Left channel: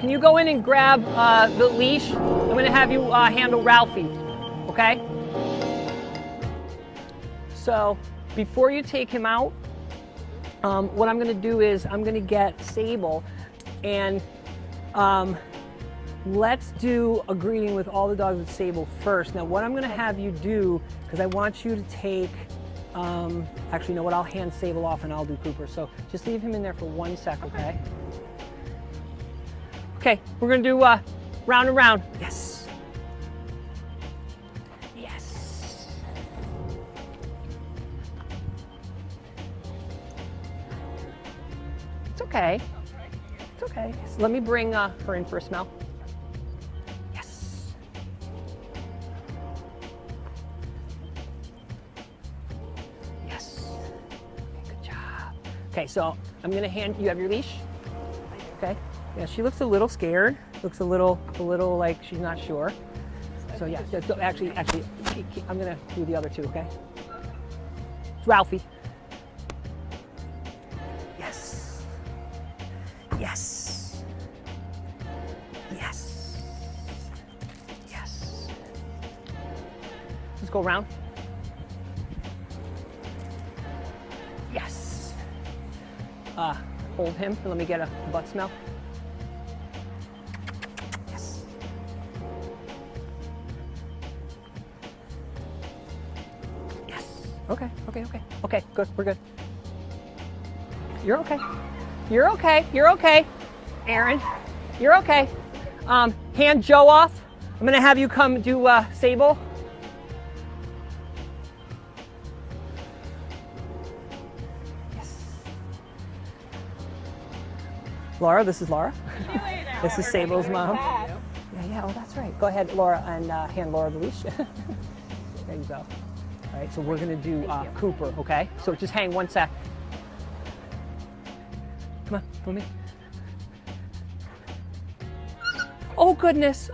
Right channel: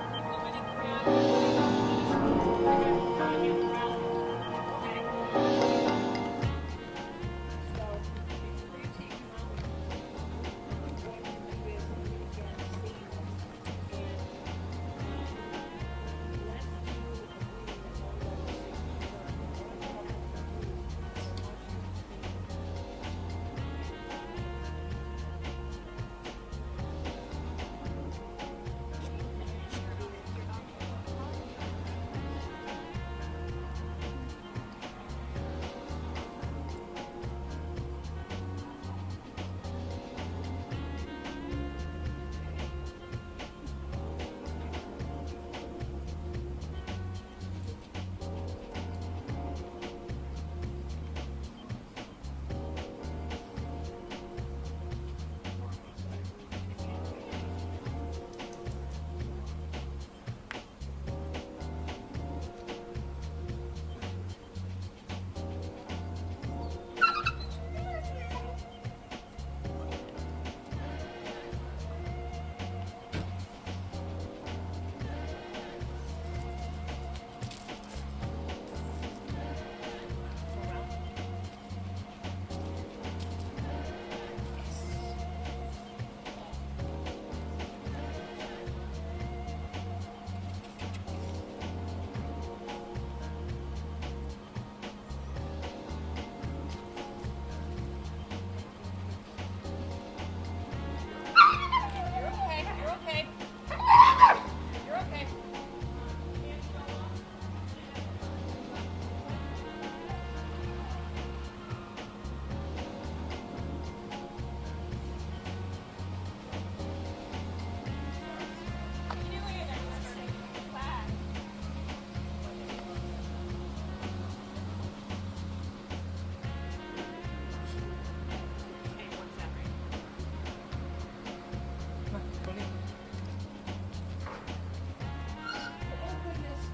can you go in and grab the leash? I'm going to have you handle Ralphie, okay? So before you take him out, what I'm going to do is I'm going to get Sable, and let's do a greeting with all the dogs with Sable first. Now what I'm going to have you do, because I want you to take, actually, you know what, I'll hand Sable off and I'll do Cooper. So just leave him in there for 1 second, okay? Okay, we're going to do round and round. Yes. Yes. It's okay. It's okay. So let me bring her in for a smell. Yes. Yes. Good job. Okay, so I'm going to hand you, have your leash? Okay. Yeah, she looks a little scared. Looks a little like she's not sure. So yeah, actually, I'm gonna do the other two, okay? Ralphie. Yes. Yes. Yes. Yes. Let's go around. Yes. Hold him. Let me get a butt smell. Okay, good, we're good. You're okay. You're okay, you're okay. Erin, you're okay. Hand Joe off. I'm gonna have you come do Sable. Yes. Laura, this is Laura. This is Sable's mom. Yeah, well, that's right. Go ahead, Laura, and hand Laura the leash. There you go. So we're going to do Cooper, okay? So just hang 1 sec. Come on, come in. Oh goodness,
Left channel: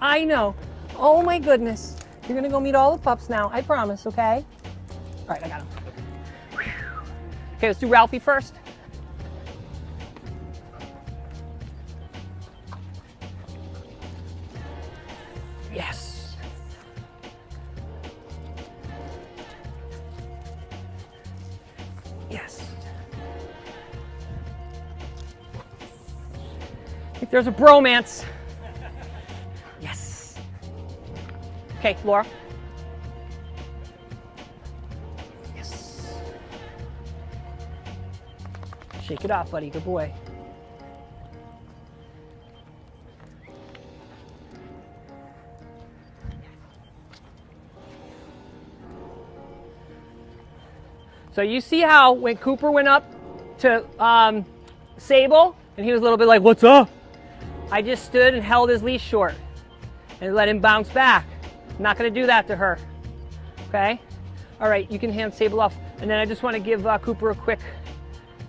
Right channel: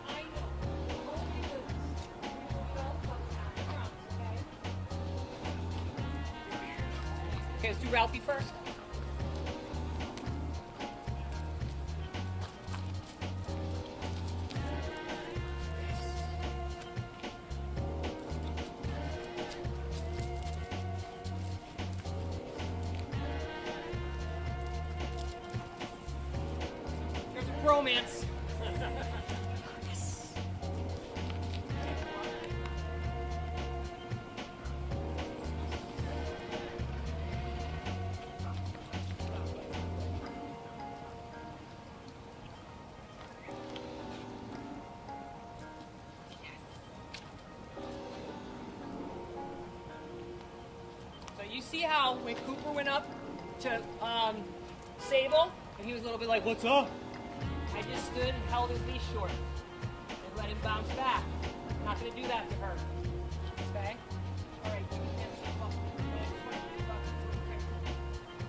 I know. Oh my goodness. You're going to go meet all the pups now, I promise, okay? All right, I got him. Okay, let's do Ralphie first. There's a bromance. Yes. Okay, Laura. Yes. Shake it off, buddy. Good boy. So you see how when Cooper went up to Sable, and he was a little bit like, "What's up?" I just stood and held his leash short and let him bounce back. I'm not going to do that to her, okay? All right, you can hand Sable off. And then I just want to give Cooper a quick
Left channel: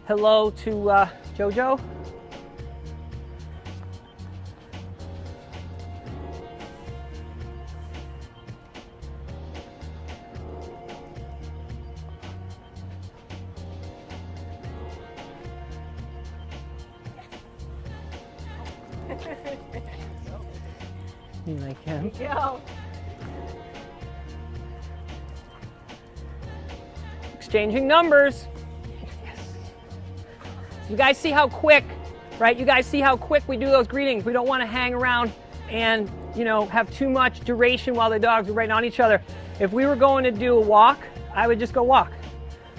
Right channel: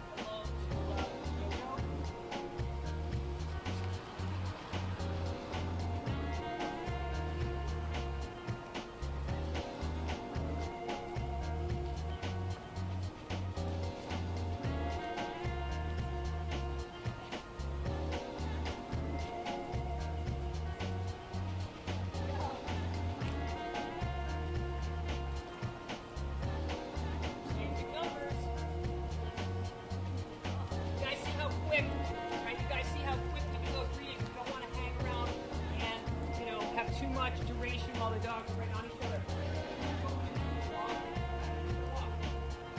hello to Jojo. Like him. Exchanging numbers. You guys see how quick, right? You guys see how quick we do those greetings. We don't want to hang around and, you know, have too much duration while the dogs are right on each other. If we were going to do a walk, I would just go walk,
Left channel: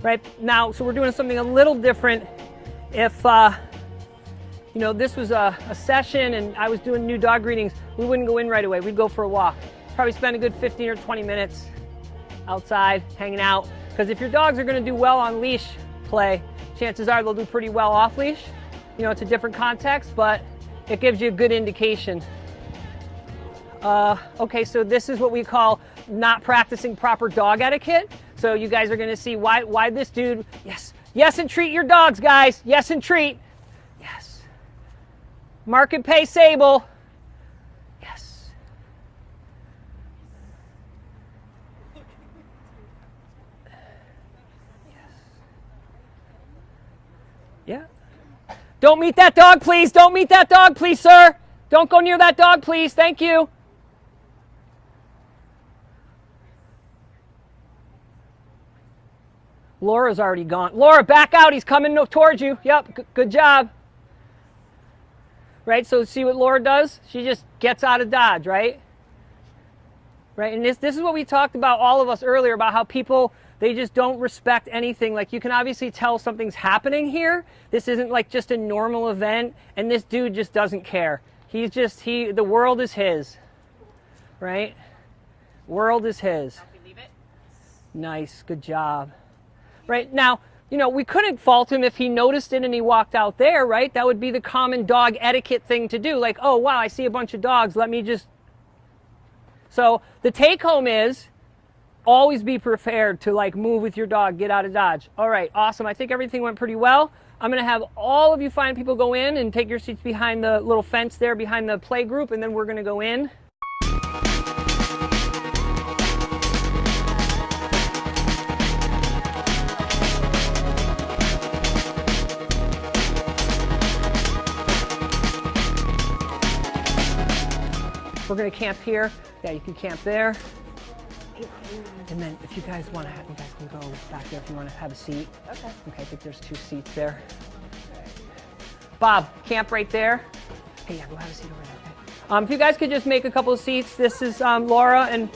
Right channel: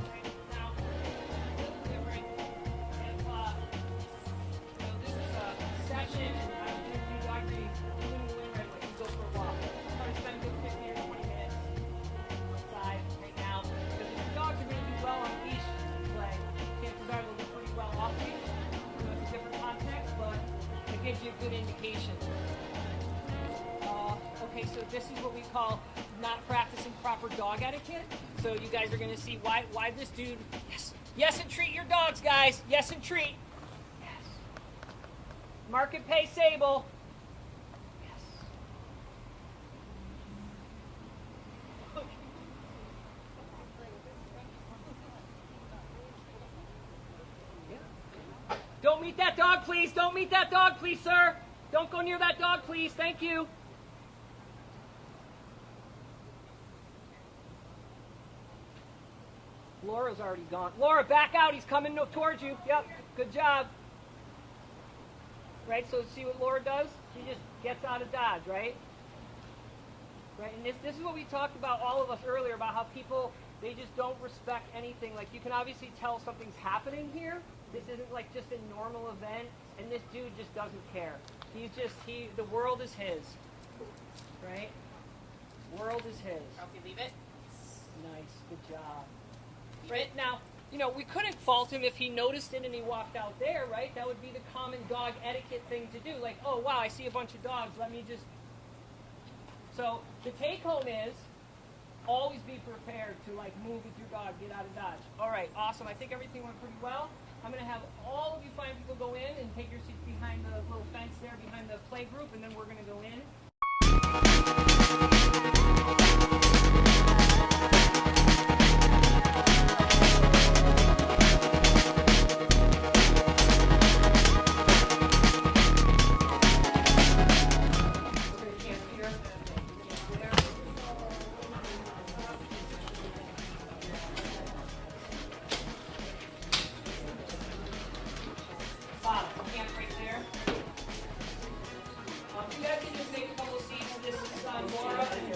right? Now, so we're doing something a little different. If, you know, this was a session and I was doing new dog greetings, we wouldn't go in right away. We'd go for a walk. Probably spend a good 15 or 20 minutes outside, hanging out. Because if your dogs are going to do well on leash play, chances are they'll do pretty well off leash. You know, it's a different context, but it gives you a good indication. Okay, so this is what we call not practicing proper dog etiquette. So you guys are going to see why this dude, yes, and treat your dogs, guys. Yes, and treat. Yes. Market pay Sable. Yes. Yeah. Don't meet that dog, please. Don't meet that dog, please, sir. Don't go near that dog, please. Thank you. Laura's already gone. Laura, back out. He's coming towards you. Yep, good job. Right, so see what Laura does? She just gets out of dodge, right? Right, and this is what we talked about, all of us earlier, about how people, they just don't respect anything. Like, you can obviously tell something's happening here. This isn't like just a normal event, and this dude just doesn't care. He's just, the world is his, right? World is his. Nice, good job. Right, now, you know, we couldn't fault him if he noticed it and he walked out there, right? That would be the common dog etiquette thing to do. Like, oh, wow, I see a bunch of dogs. Let me just... So the take home is always be prepared to, like, move with your dog, get out of dodge. All right, awesome. I think everything went pretty well. I'm going to have all of you fine people go in and take your seats behind the little fence there, behind the play group, and then we're going to go in. We're going to camp here. Yeah, you can camp there. And then if you guys want to, you guys can go back there if you want to have a seat. Okay, I think there's 2 seats there. Bob, camp right there. Okay, yeah, go have a seat. If you guys could just make a couple of seats. This is Laura and...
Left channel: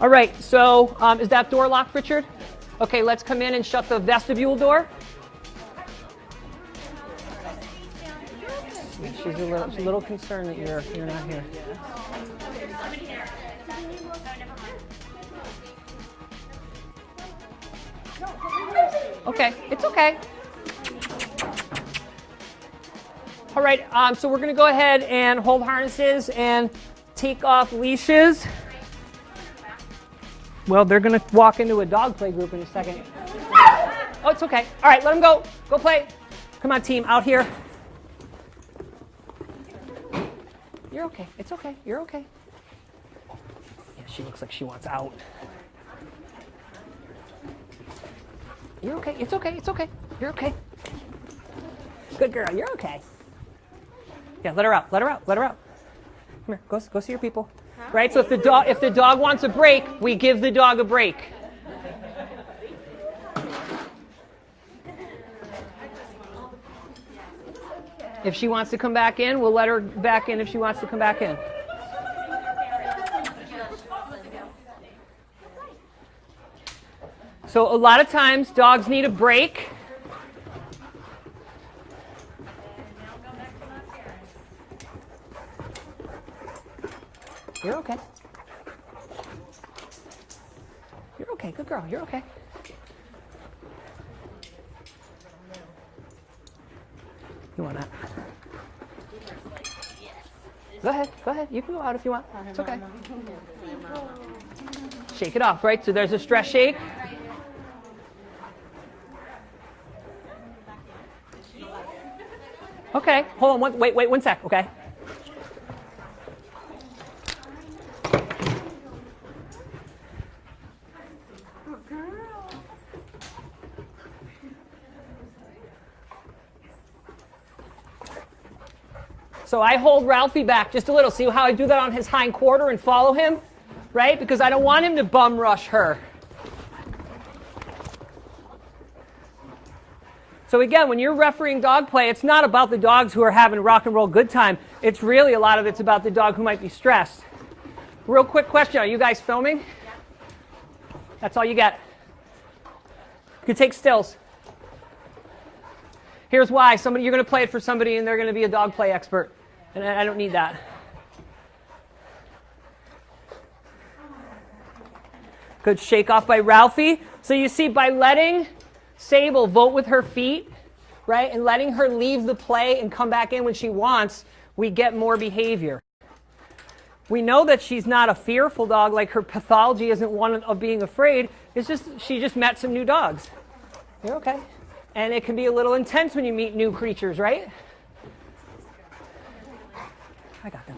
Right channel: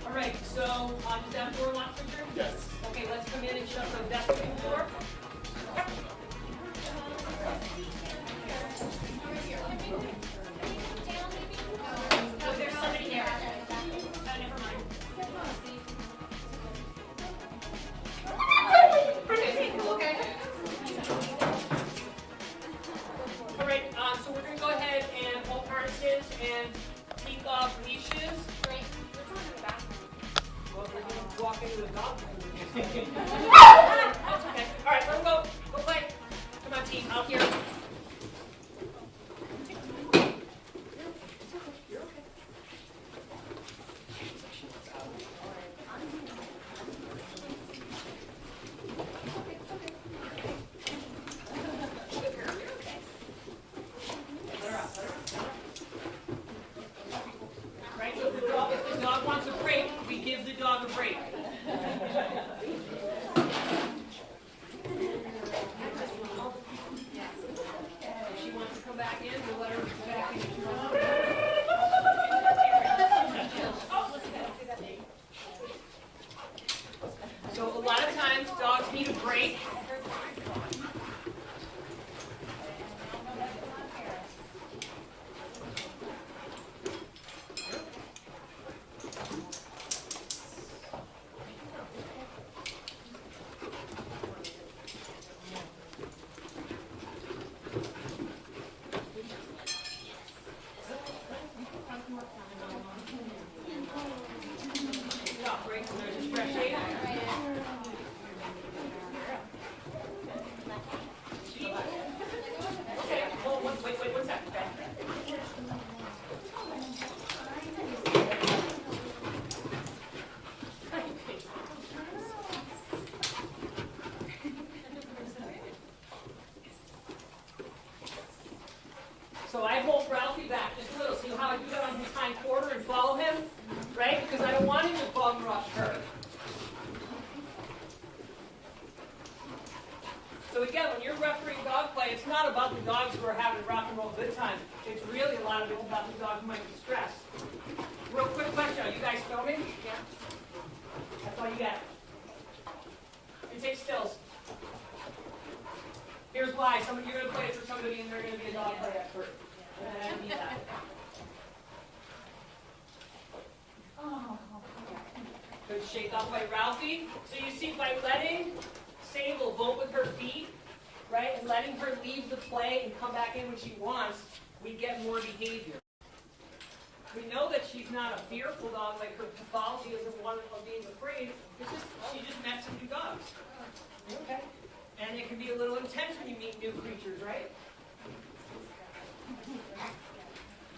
All right, so is that door locked, Richard? Yes. Okay, let's come in and shut the vestibule door. She's a little concerned that you're not here. Okay, it's okay. All right, so we're going to go ahead and hold harnesses and take off leashes. Well, they're going to walk into a dog play group in a second. Oh, it's okay. All right, let them go. Go play. Come on, team, out here. You're okay. It's okay. You're okay. Yeah, she looks like she wants out. You're okay. It's okay. It's okay. You're okay. Good girl. You're okay. Yeah, let her out. Let her out. Let her out. Come here. Go see your people. Right? So if the dog wants a break, we give the dog a break. If she wants to come back in, we'll let her back in if she wants to come back in. So a lot of times, dogs need a break. You're okay. You're okay. Good girl. You're okay. You want that? Go ahead. Go ahead. You can go out if you want. It's okay. Shake it off, right? So there's a stress shake. Okay. Hold on. Wait 1 sec. Okay. So I hold Ralphie back just a little. See how I do that on his hind quarter and follow him? Right? Because I don't want him to bum rush her. So again, when you're refereeing dog play, it's not about the dogs who are having a rock and roll good time. It's really, a lot of it's about the dog who might be stressed. Real quick question. Are you guys filming? Yeah. That's all you get. You can take stills. Here's why. You're going to play it for somebody and they're going to be a dog play expert. And I don't need that. Good shake off by Ralphie. So you see, by letting Sable vote with her feet, right, and letting her leave the play and come back in when she wants, we get more behavior. We know that she's not a fearful dog, like her pathology isn't one of being afraid. It's just, she just met some new dogs. You're okay. And it can be a little intense when you meet new creatures, right? I got them.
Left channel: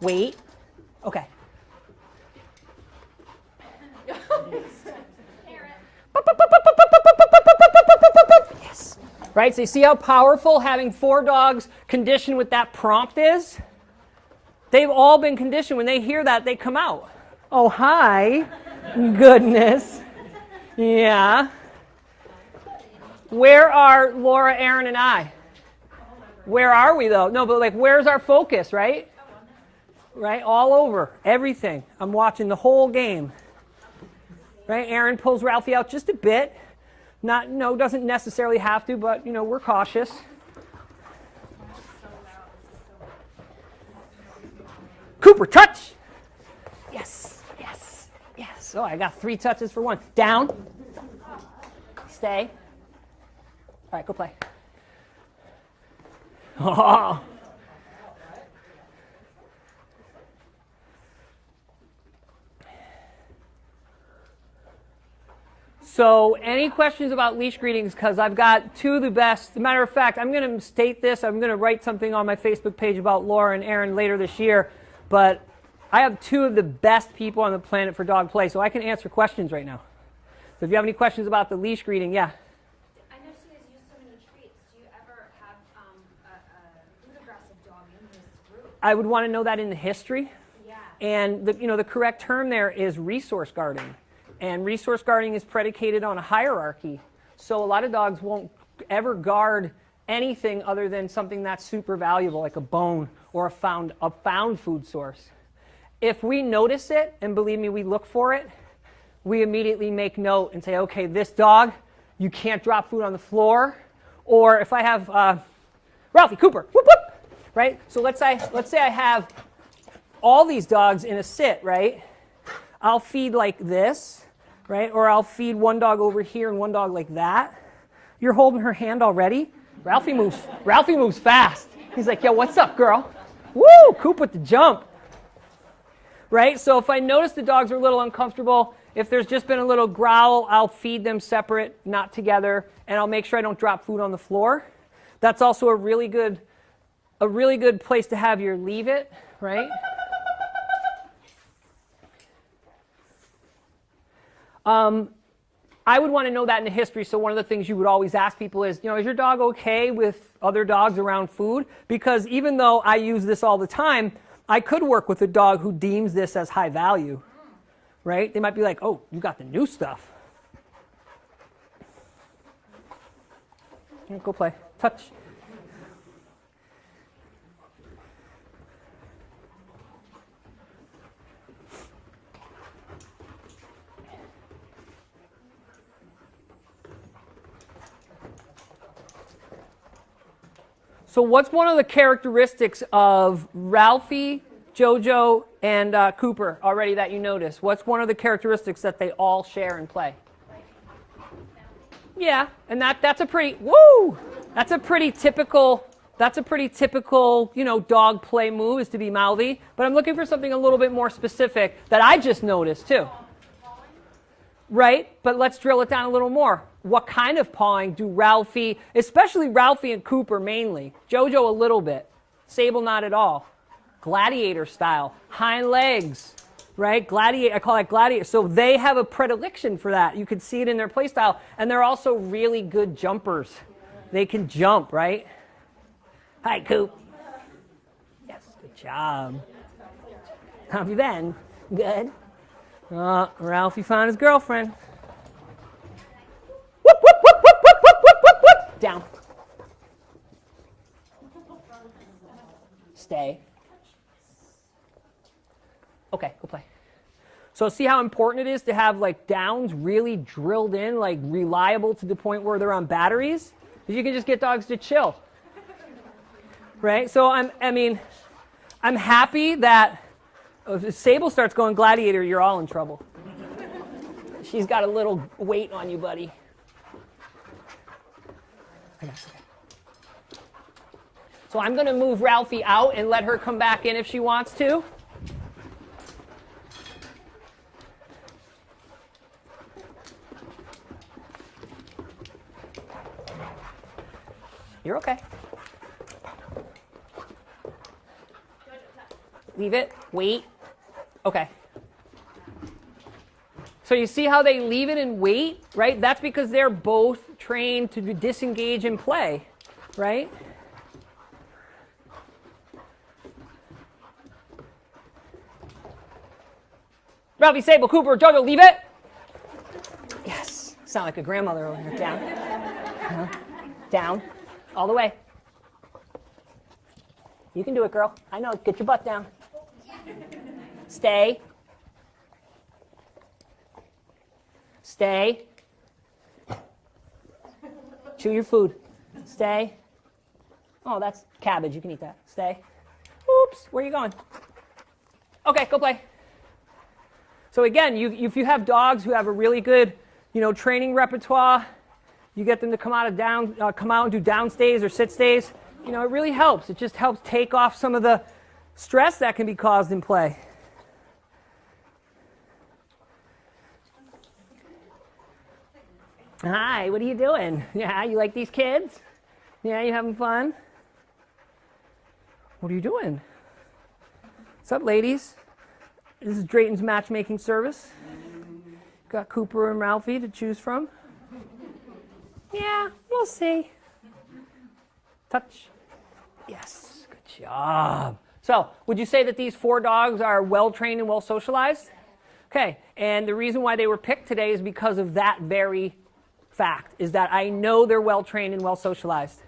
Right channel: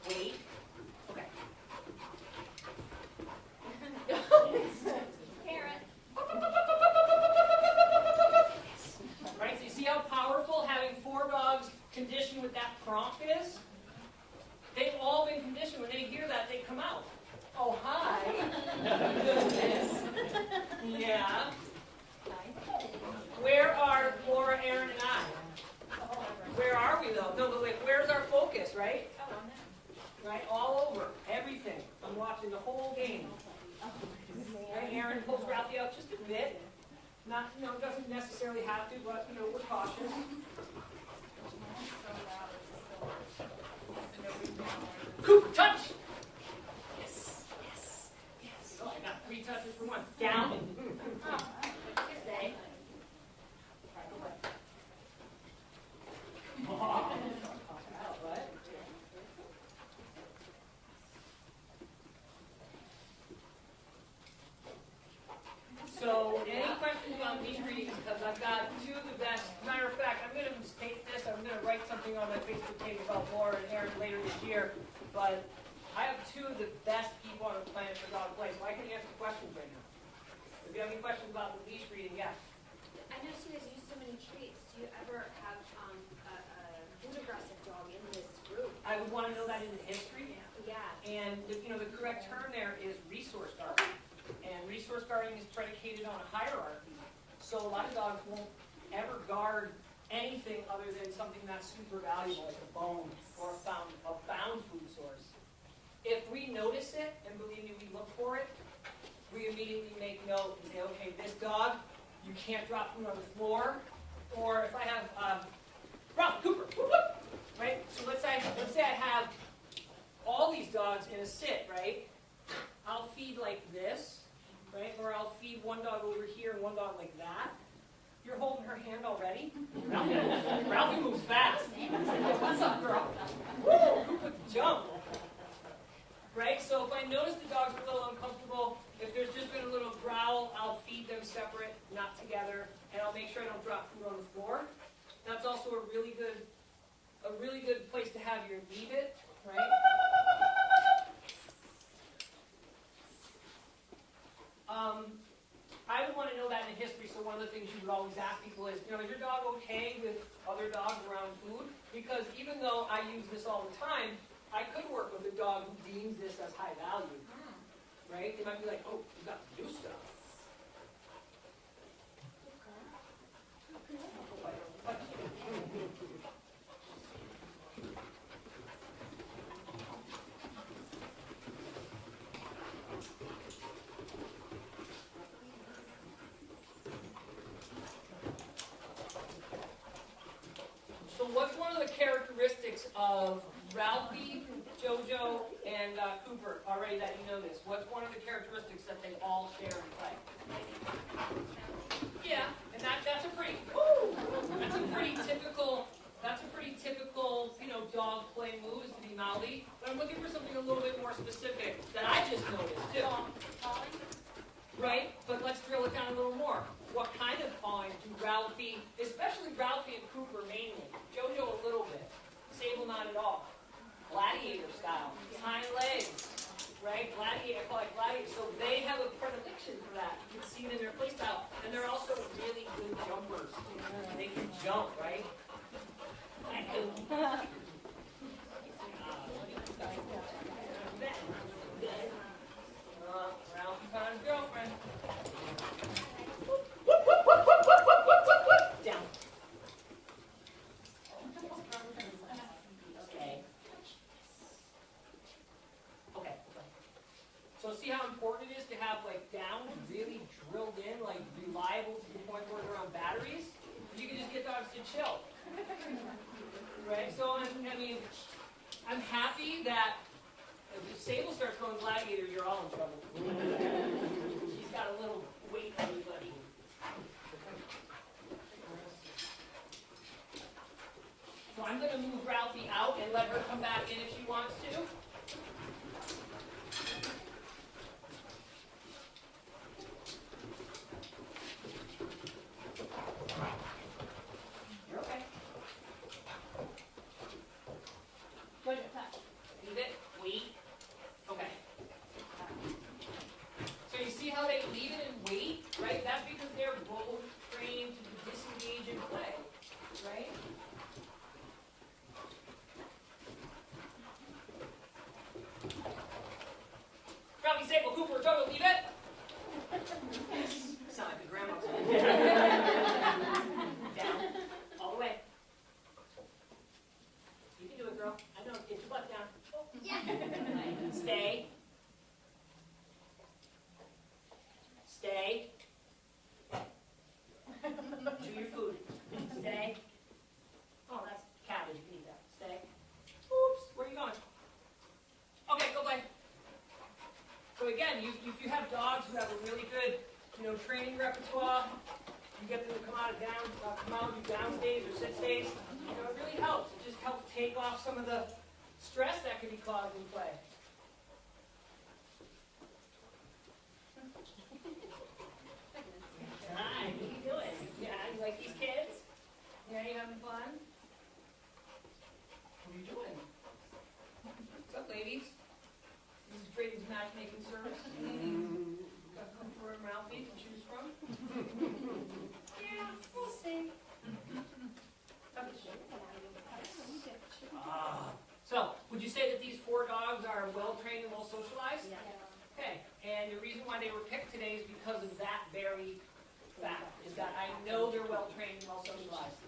Wait. Okay. right? So you see how powerful having 4 dogs conditioned with that prompt is? They've all been conditioned. When they hear that, they come out. Oh, hi. Goodness. Yeah. Where are Laura, Erin, and I? Where are we, though? No, but like, where's our focus, right? Right? All over. Everything. I'm watching the whole game. Right? Erin pulls Ralphie out just a bit. Not, no, doesn't necessarily have to, but, you know, we're cautious. Cooper, touch! Yes, yes, yes. Oh, I got 3 touches for 1. Down. Stay. All right, go play. Oh. So any questions about leash greetings? Because I've got 2 of the best. As a matter of fact, I'm going to state this. I'm going to write something on my Facebook page about Laura and Erin later this year. But I have 2 of the best people on the planet for dog play, so I can answer questions right now. So if you have any questions about the leash greeting, yeah. I noticed you guys use so many traits. Do you ever have an aggressive dog in this group? I would want to know that in the history. Yeah. And the correct term there is resource guarding. And resource guarding is predicated on a hierarchy. So a lot of dogs won't ever guard anything other than something that's super valuable, like a bone or a found food source. If we notice it, and believe me, we look for it, we immediately make note and say, okay, this dog, you can't drop food on the floor. Or if I have Ralphie, Cooper, whoop, whoop, right? So let's say I have all these dogs in a sit, right? I'll feed like this, right? Or I'll feed one dog over here and one dog like that. You're holding her hand already? Ralphie moves fast. He's like, yo, what's up, girl? Woo, Coop with the jump. Right? So if I notice the dogs are a little uncomfortable, if there's just been a little growl, I'll feed them separate, not together, and I'll make sure I don't drop food on the floor. That's also a really good place to have your leave it, right? I would want to know that in the history, so one of the things you would always ask people is, is your dog okay with other dogs around food? Because even though I use this all the time, I could work with a dog who deems this as high value, right? They might be like, oh, you got the new stuff. Yeah, go play. Touch. So what's one of the characteristics of Ralphie, Jojo, and Cooper already that you notice? What's one of the characteristics that they all share and play? Yeah, and that's a pretty typical dog play move is to be mouthy. But I'm looking for something a little bit more specific that I just noticed too. Right? But let's drill it down a little more. What kind of pawing do Ralphie, especially Ralphie and Cooper mainly, Jojo a little bit, Sable not at all, gladiator style, hind legs, right? Gladiator, I call that gladiator. So they have a predilection for that. You can see it in their play style. And they're also really good jumpers. They can jump, right? Hi, Coop. Yes, good job. How have you been? Good. Ralphie found his girlfriend. Whoop, whoop, whoop, whoop, whoop, whoop, whoop, whoop, whoop. Down. Stay. Okay, go play. So see how important it is to have like downs really drilled in, like reliable to the point where they're on batteries? Because you can just get dogs to chill. Right? So I'm happy that if Sable starts going gladiator, you're all in trouble. She's got a little weight on you, buddy. So I'm going to move Ralphie out and let her come back in if she wants to. You're okay. Leave it. Wait. Okay. So you see how they leave it and wait, right? That's because they're both trained to disengage and play, right? Ralphie, Sable, Cooper, Jojo, leave it. Yes. Sound like a grandmother. Down. Down. All the way. You can do it, girl. I know. Get your butt down. Stay. Stay. Chew your food. Stay. Oh, that's cabbage. You can eat that. Stay. Oops. Where are you going? Okay, go play. So again, if you have dogs who have a really good, training repertoire, you get them to come out and do down stays or sit stays. It really helps. It just helps take off some of the stress that can be caused in play. Hi, what are you doing? Yeah, you like these kids? Yeah, you having fun? What are you doing? What's up, ladies? This is Drayton's matchmaking service. Got Cooper and Ralphie to choose from. Yeah, we'll see. Touch. Yes, good job. So, would you say that these 4 dogs are well trained and well socialized? Okay, and the reason why they were picked today is because of that very fact, is that I know they're well trained and well socialized.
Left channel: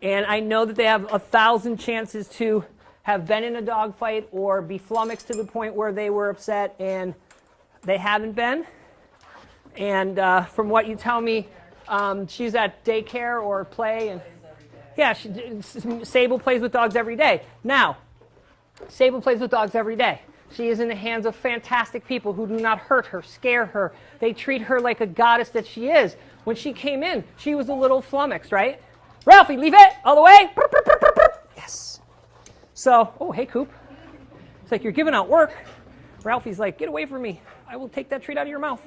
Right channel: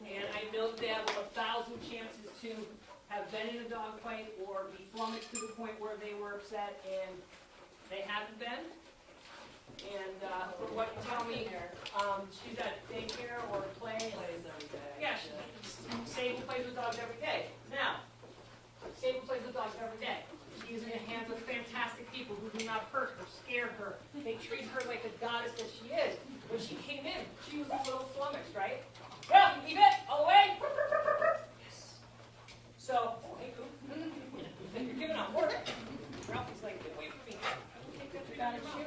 And I know that they have 1,000 chances to have been in a dog fight or be flummoxed to the point where they were upset, and they haven't been. And from what you tell me, she's at daycare or play. And yeah, Sable plays with dogs every day. Now, Sable plays with dogs every day. She is in the hands of fantastic people who do not hurt her, scare her. They treat her like a goddess that she is. When she came in, she was a little flummoxed, right? Ralphie, leave it all the way. Yes. So, oh, hey, Coop. It's like you're giving out work. Ralphie's like, get away from me. I will take that treat out of your mouth.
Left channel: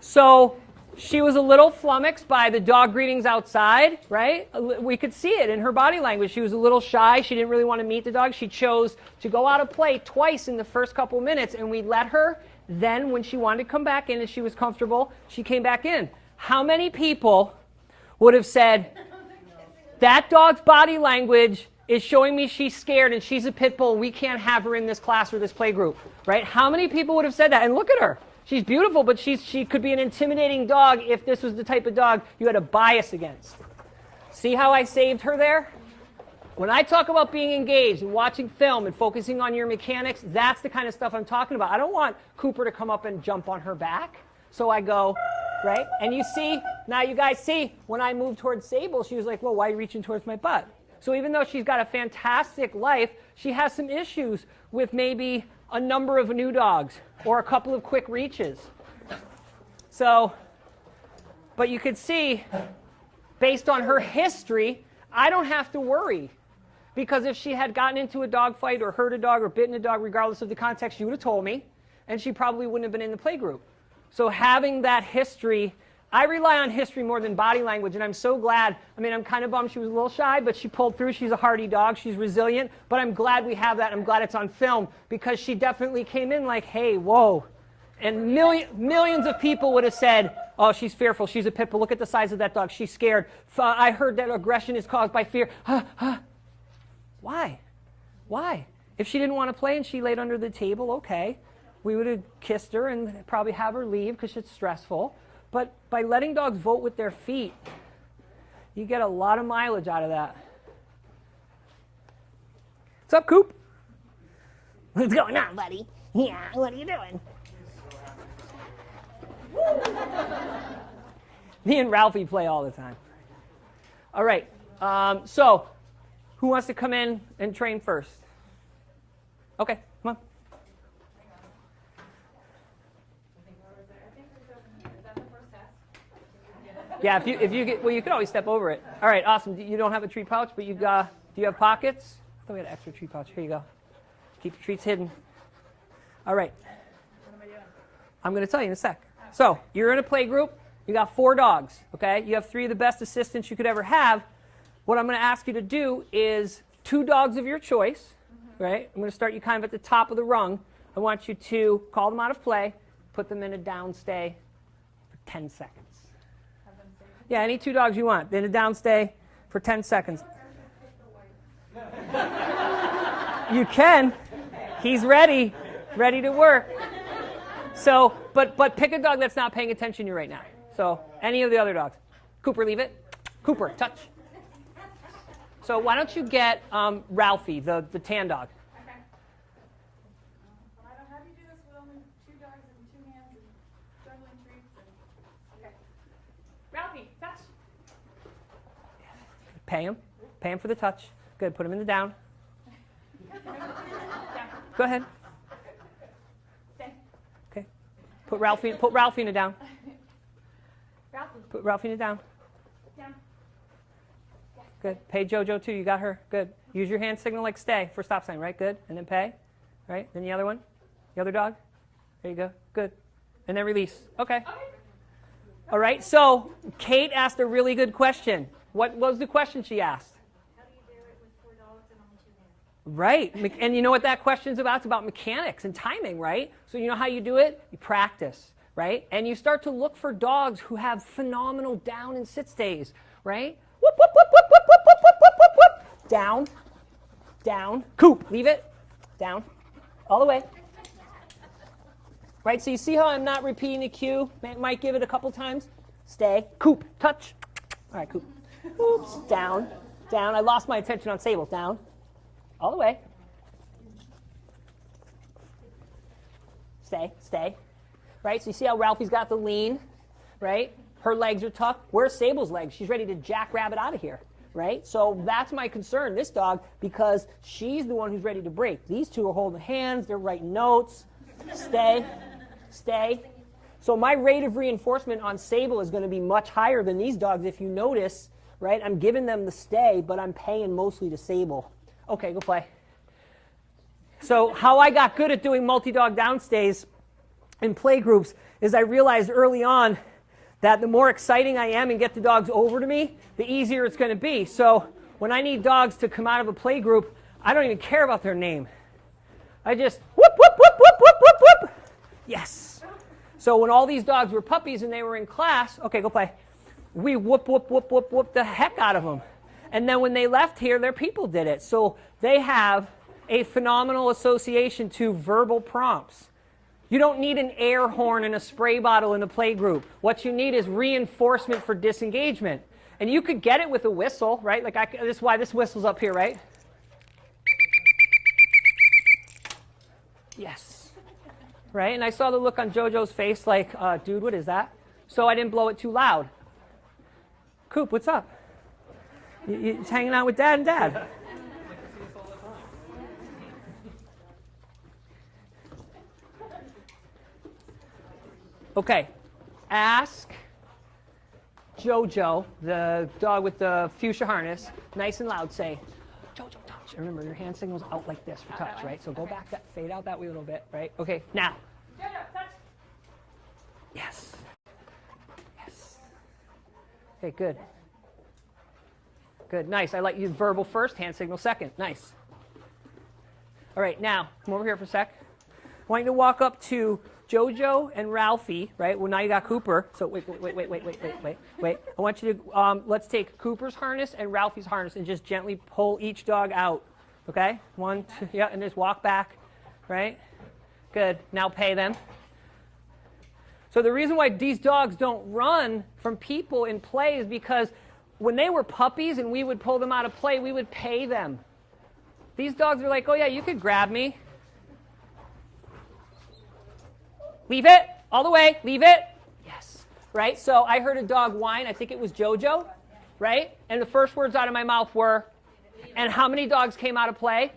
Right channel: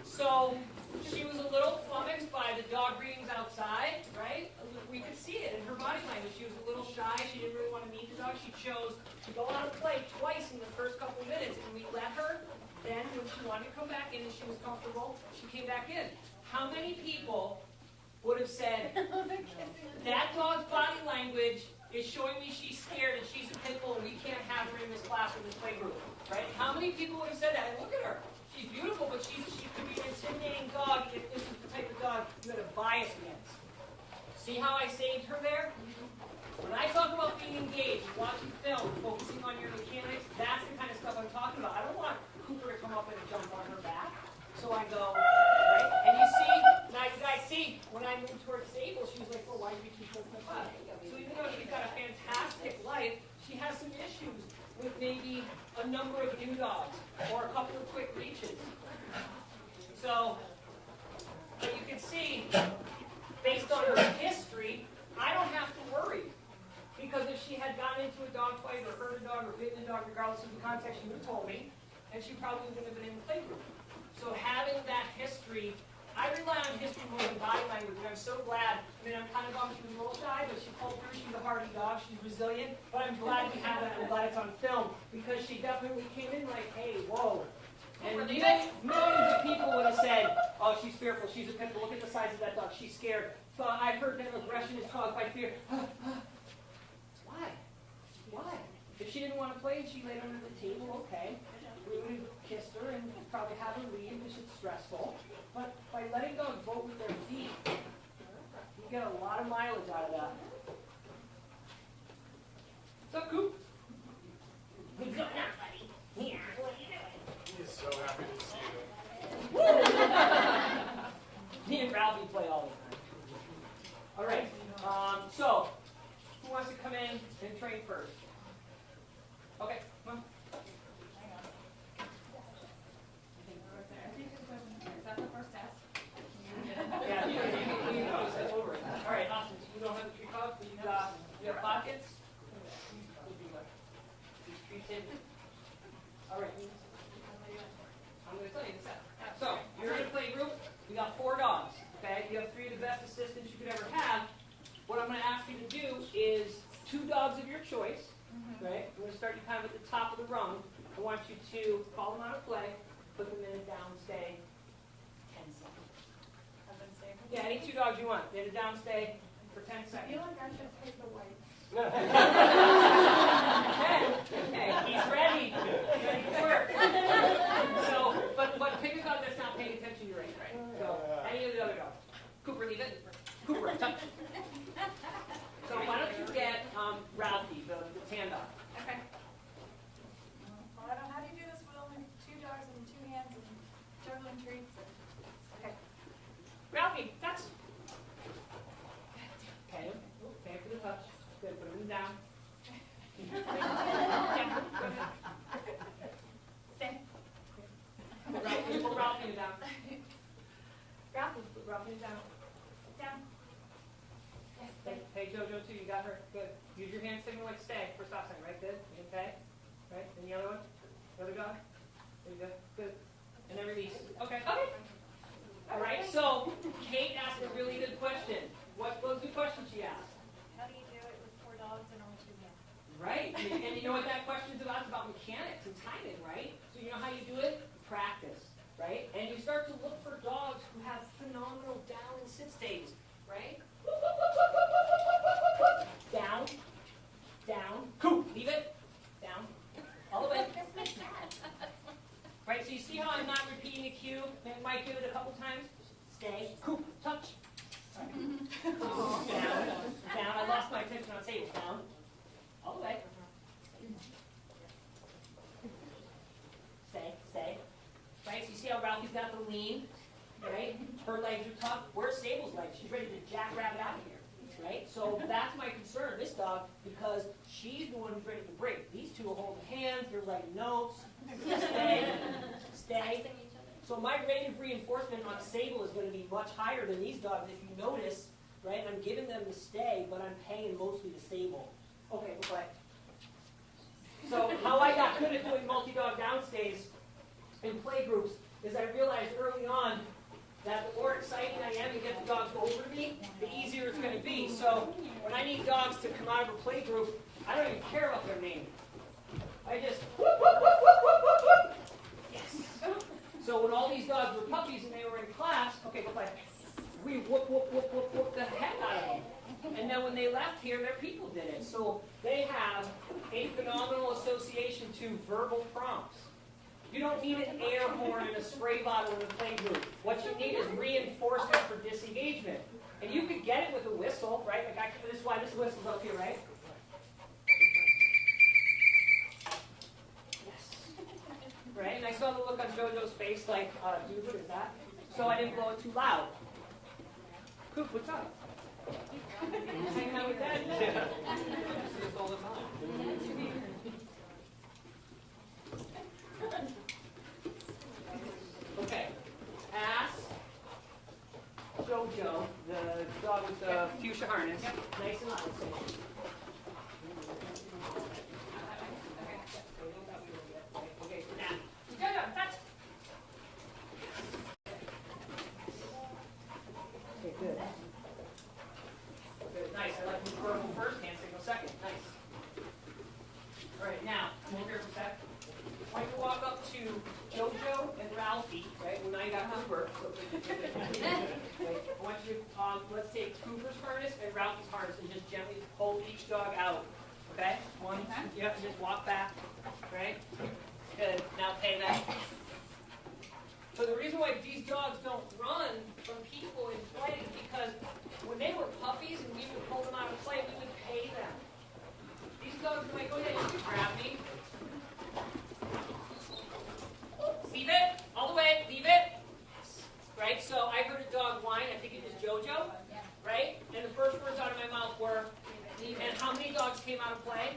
So she was a little flummoxed by the dog greetings outside, right? We could see it in her body language. She was a little shy. She didn't really want to meet the dog. She chose to go out of play twice in the first couple minutes, and we let her. Then when she wanted to come back in and she was comfortable, she came back in. How many people would have said, that dog's body language is showing me she's scared and she's a pit bull and we can't have her in this class or this play group, right? How many people would have said that? And look at her. She's beautiful, but she could be an intimidating dog if this was the type of dog you had a bias against. See how I saved her there? When I talk about being engaged and watching film and focusing on your mechanics, that's the kind of stuff I'm talking about. I don't want Cooper to come up and jump on her back. So I go, right? And you see, now you guys see, when I moved towards Sable, she was like, well, why are you reaching towards my butt? So even though she's got a fantastic life, she has some issues with maybe a number of new dogs or a couple of quick reaches. So, but you could see, based on her history, I don't have to worry. Because if she had gotten into a dog fight or hurt a dog or bitten a dog, regardless of the context, she would have told me, and she probably wouldn't have been in the play group. So having that history, I rely on history more than body language, and I'm so glad. I mean, I'm kind of bummed she was a little shy, but she pulled through. She's a hardy dog. She's resilient, but I'm glad we have that. I'm glad it's on film because she definitely came in like, hey, whoa. And millions of people would have said, oh, she's fearful. She's a pit bull. Look at the size of that dog. She's scared. I heard that aggression is caused by fear. Why? Why? If she didn't want to play and she laid under the table, okay. We would have kissed her and probably have her leave because it's stressful. But by letting dogs vote with their feet, you get a lot of mileage out of that. What's up, Coop? What's going on, buddy? Yeah, what are you doing? He's so happy to see you. Me and Ralphie play all the time. All right, so who wants to come in and train first? Okay, come on. Yeah, if you get, well, you can always step over it. All right, awesome. You don't have a treat pouch, but you have pockets. Oh, we got an extra treat pouch. Here you go. Keep your treats hidden. All right. I'm going to tell you in a sec. So you're in a play group. You got 4 dogs. Okay. You have 3 of the best assistants you could ever have. What I'm going to ask you to do is 2 dogs of your choice. Right. I'm going to start you kind of at the top of the rung. I want you to call them out of play, put them in a down stay for 10 seconds. Yeah, any 2 dogs you want. Then a down stay for 10 seconds. You can. He's ready to work. So, but pick a dog that's not paying attention to you right now. So, any of the other dogs. Cooper, leave it. Cooper, touch. So why don't you get Ralphie, the tan dog. Okay. Well, I don't, how do you do this with only 2 dogs and 2 hands and juggling treats? And, okay. Ralphie, touch. Pay him for the touch. Good, put him in the down. Go ahead. Stay. Okay. Put Ralphie in the down. Ralphie, Put Ralphie in the down. down. Good. Pay Jojo too. You got her. Good. Use your hand signal like stay for stop sign, right? Good. And then pay. Right? Then the other one. The other dog. There you go. Good. And then release. Okay. All right. So Kate asked a really good question. What was the question she asked? how do you do it with 4 dogs and only 2 hands? Right. And you know what that question's about? It's about mechanics and timing, right? So you know how you do it? You practice, right? And you start to look for dogs who have phenomenal down and sit stays, right? Whoop, whoop, whoop, whoop, whoop, whoop, whoop, whoop, whoop, whoop, whoop. Down, down, coop, leave it, down, all the way. Right, so you see how I'm not repeating the cue? Might give it a couple times. Stay, coop, touch. All right, coop. Oops, down, down. I lost my attention on Sable. Down, all the way. Stay, stay. Right, so you see how Ralphie's got the lean, right? Her legs are tucked. Where's Sable's legs? She's ready to jackrabbit out of here, right? So that's my concern, this dog, because she's the one who's ready to break. These 2 are holding hands. They're writing notes. Stay, stay. So my rate of reinforcement on Sable is going to be much higher than these dogs. If you notice, right, I'm giving them the stay, but I'm paying mostly to Sable. Okay, go play. So how I got good at doing multi-dog downstays in play groups is I realized early on that the more exciting I am and get the dogs over to me, the easier it's going to be. So when I need dogs to come out of a play group, I don't even care about their name. I just whoop, whoop, whoop, whoop, whoop, whoop, whoop. Yes. So when all these dogs were puppies and they were in class, okay, go play. We whoop, whoop, whoop, whoop, whoop the heck out of them. And then when they left here, their people did it. So they have a phenomenal association to verbal prompts. You don't need an air horn and a spray bottle in a play group. What you need is reinforcement for disengagement. And you could get it with a whistle, right? Like this is why this whistle's up here, right? Yes. Right? And I saw the look on Jojo's face like, dude, what is that? So I didn't blow it too loud. Coop, what's up? You're hanging out with Dad and Dad. Okay, ask Jojo, the dog with the fuchsia harness, nice and loud, say, Jojo, touch. Remember, your hand signal's out like this for touch, right? So go back, fade out that way a little bit, right? Okay, now. Jojo, touch. Yes. Yes. Okay, good. Good, nice. I like you verbal first, hand signal second. Nice. All right, now, come over here for a sec. I want you to walk up to Jojo and Ralphie, right? Well, now you got Cooper. So wait. I want you to, let's take Cooper's harness and Ralphie's harness and just gently pull each dog out, okay? 1, 2, yeah, and just walk back, right? Good, now pay them. So the reason why these dogs don't run from people in play is because when they were puppies and we would pull them out of play, we would pay them. These dogs are like, oh yeah, you could grab me. Leave it, all the way, leave it. Yes, right? So I heard a dog whine, I think it was Jojo, right? And the first words out of my mouth were, and how many dogs came out of play?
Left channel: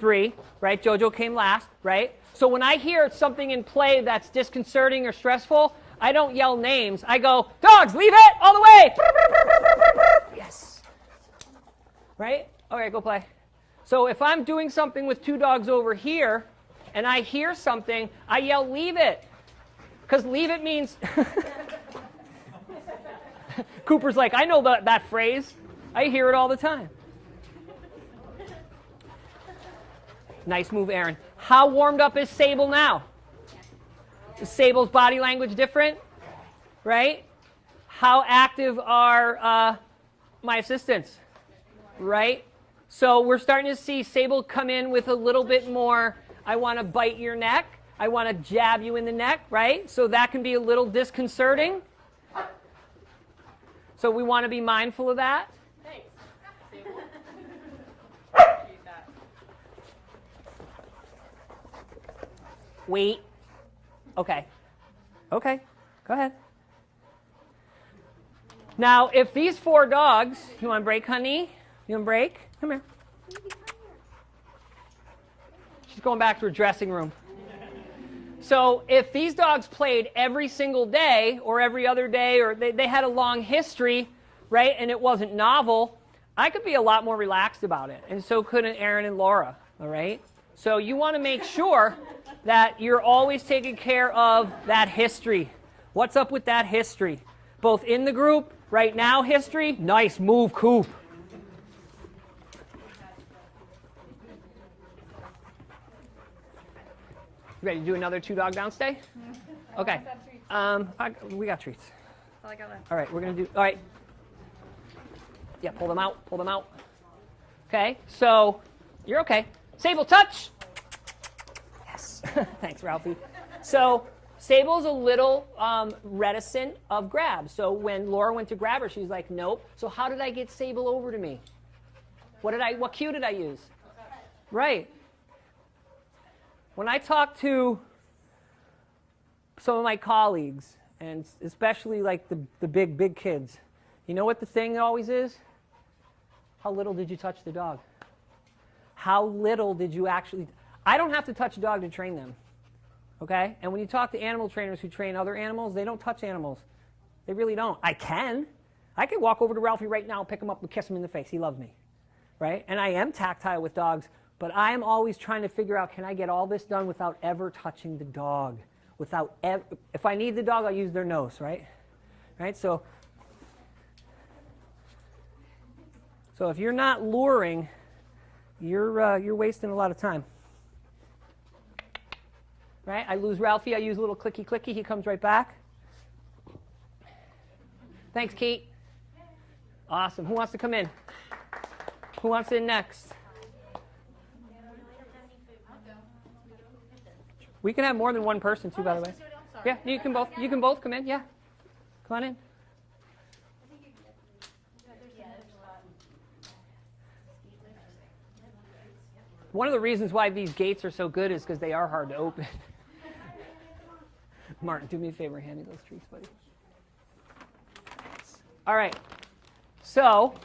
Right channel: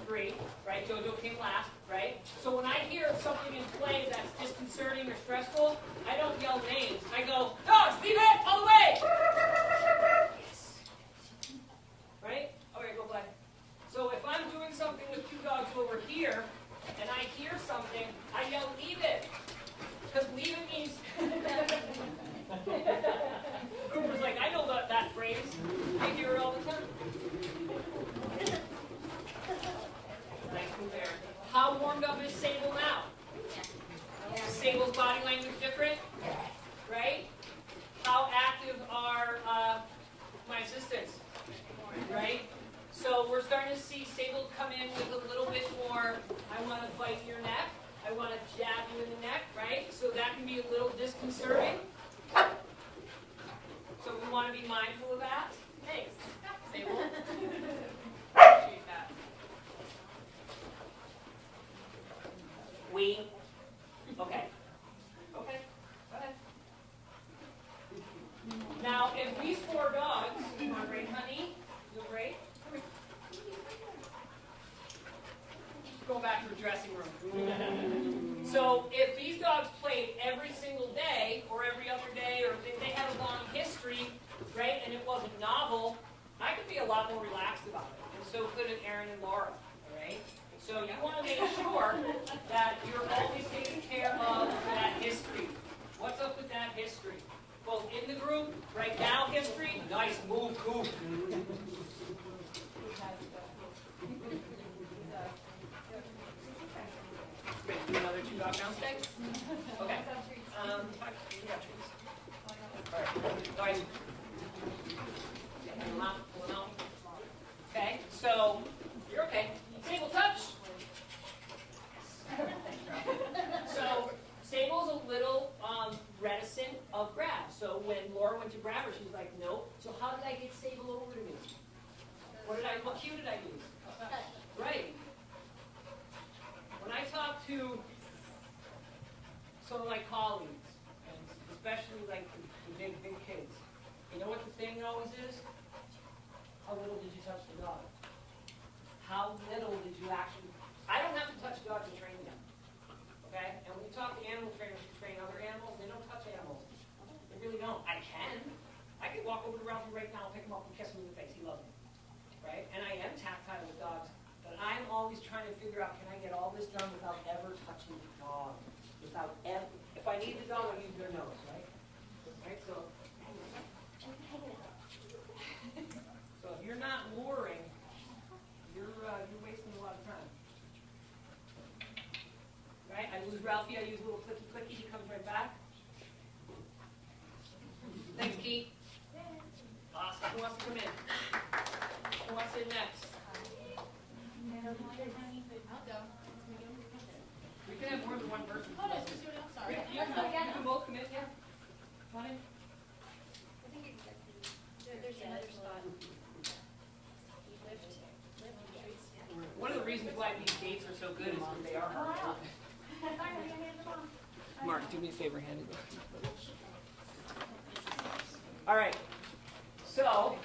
3, right? Jojo came last, right? So when I hear something in play that's disconcerting or stressful, I don't yell names. I go, dogs, leave it, all the way. Yes. Right? Okay, go play. So if I'm doing something with 2 dogs over here, and I hear something, I yell, leave it. Because leave it means... Cooper's like, I know that phrase. I hear it all the time. Nice move, Erin. How warmed up is Sable now? Is Sable's body language different? Right? How active are my assistants, right? So we're starting to see Sable come in with a little bit more, I want to bite your neck. I want to jab you in the neck, right? So that can be a little disconcerting. So we want to be mindful of that. Thanks, Sable. Wait. Okay. Okay. Go ahead. Now, if these 4 dogs, you want to break, honey? You want to break? Come here. She's going back to her dressing room. So if these dogs played every single day or every other day, or they had a long history, right, and it wasn't novel, I could be a lot more relaxed about it. And so couldn't Erin and Laura, all right? So you want to make sure that you're always taking care of that history. What's up with that history? Both in the group, right now history, nice move, Coop. Ready to do another 2-dog down stay? Okay. We got treats. All right, we're going to do, all right. Yeah, pull them out, pull them out. Okay, so you're okay. Sable, touch. Yes. Thanks, Ralphie. So Sable's a little reticent of grab. So when Laura went to grab her, she was like, nope. So how did I get Sable over to me? What cue did I use? Right. When I talk to some of my colleagues, and especially like the big kids, you know what the thing always is? How little did you touch the dog? How little did you actually... I don't have to touch a dog to train them, okay? And when you talk to animal trainers who train other animals, they don't touch animals. They really don't. I can. I can walk over to Ralphie right now, pick him up, and kiss him in the face. He loves me, right? And I am tactile with dogs, but I am always trying to figure out, can I get all this done without ever touching the dog? Without ever... If I need the dog, I'll use their nose, right? Right? So if you're not luring, you're wasting a lot of time. Right? I lose Ralphie, I use a little clicky clicky, he comes right back. Thanks, Kate. Awesome. Who wants to come in? Who wants in next? We can have more than one person too, by the way. Yeah, you can both come in, yeah. Come on in. One of the reasons why these gates are so good is because they are hard to open. Mark, do me a favor. Hand me those keys. All right. So,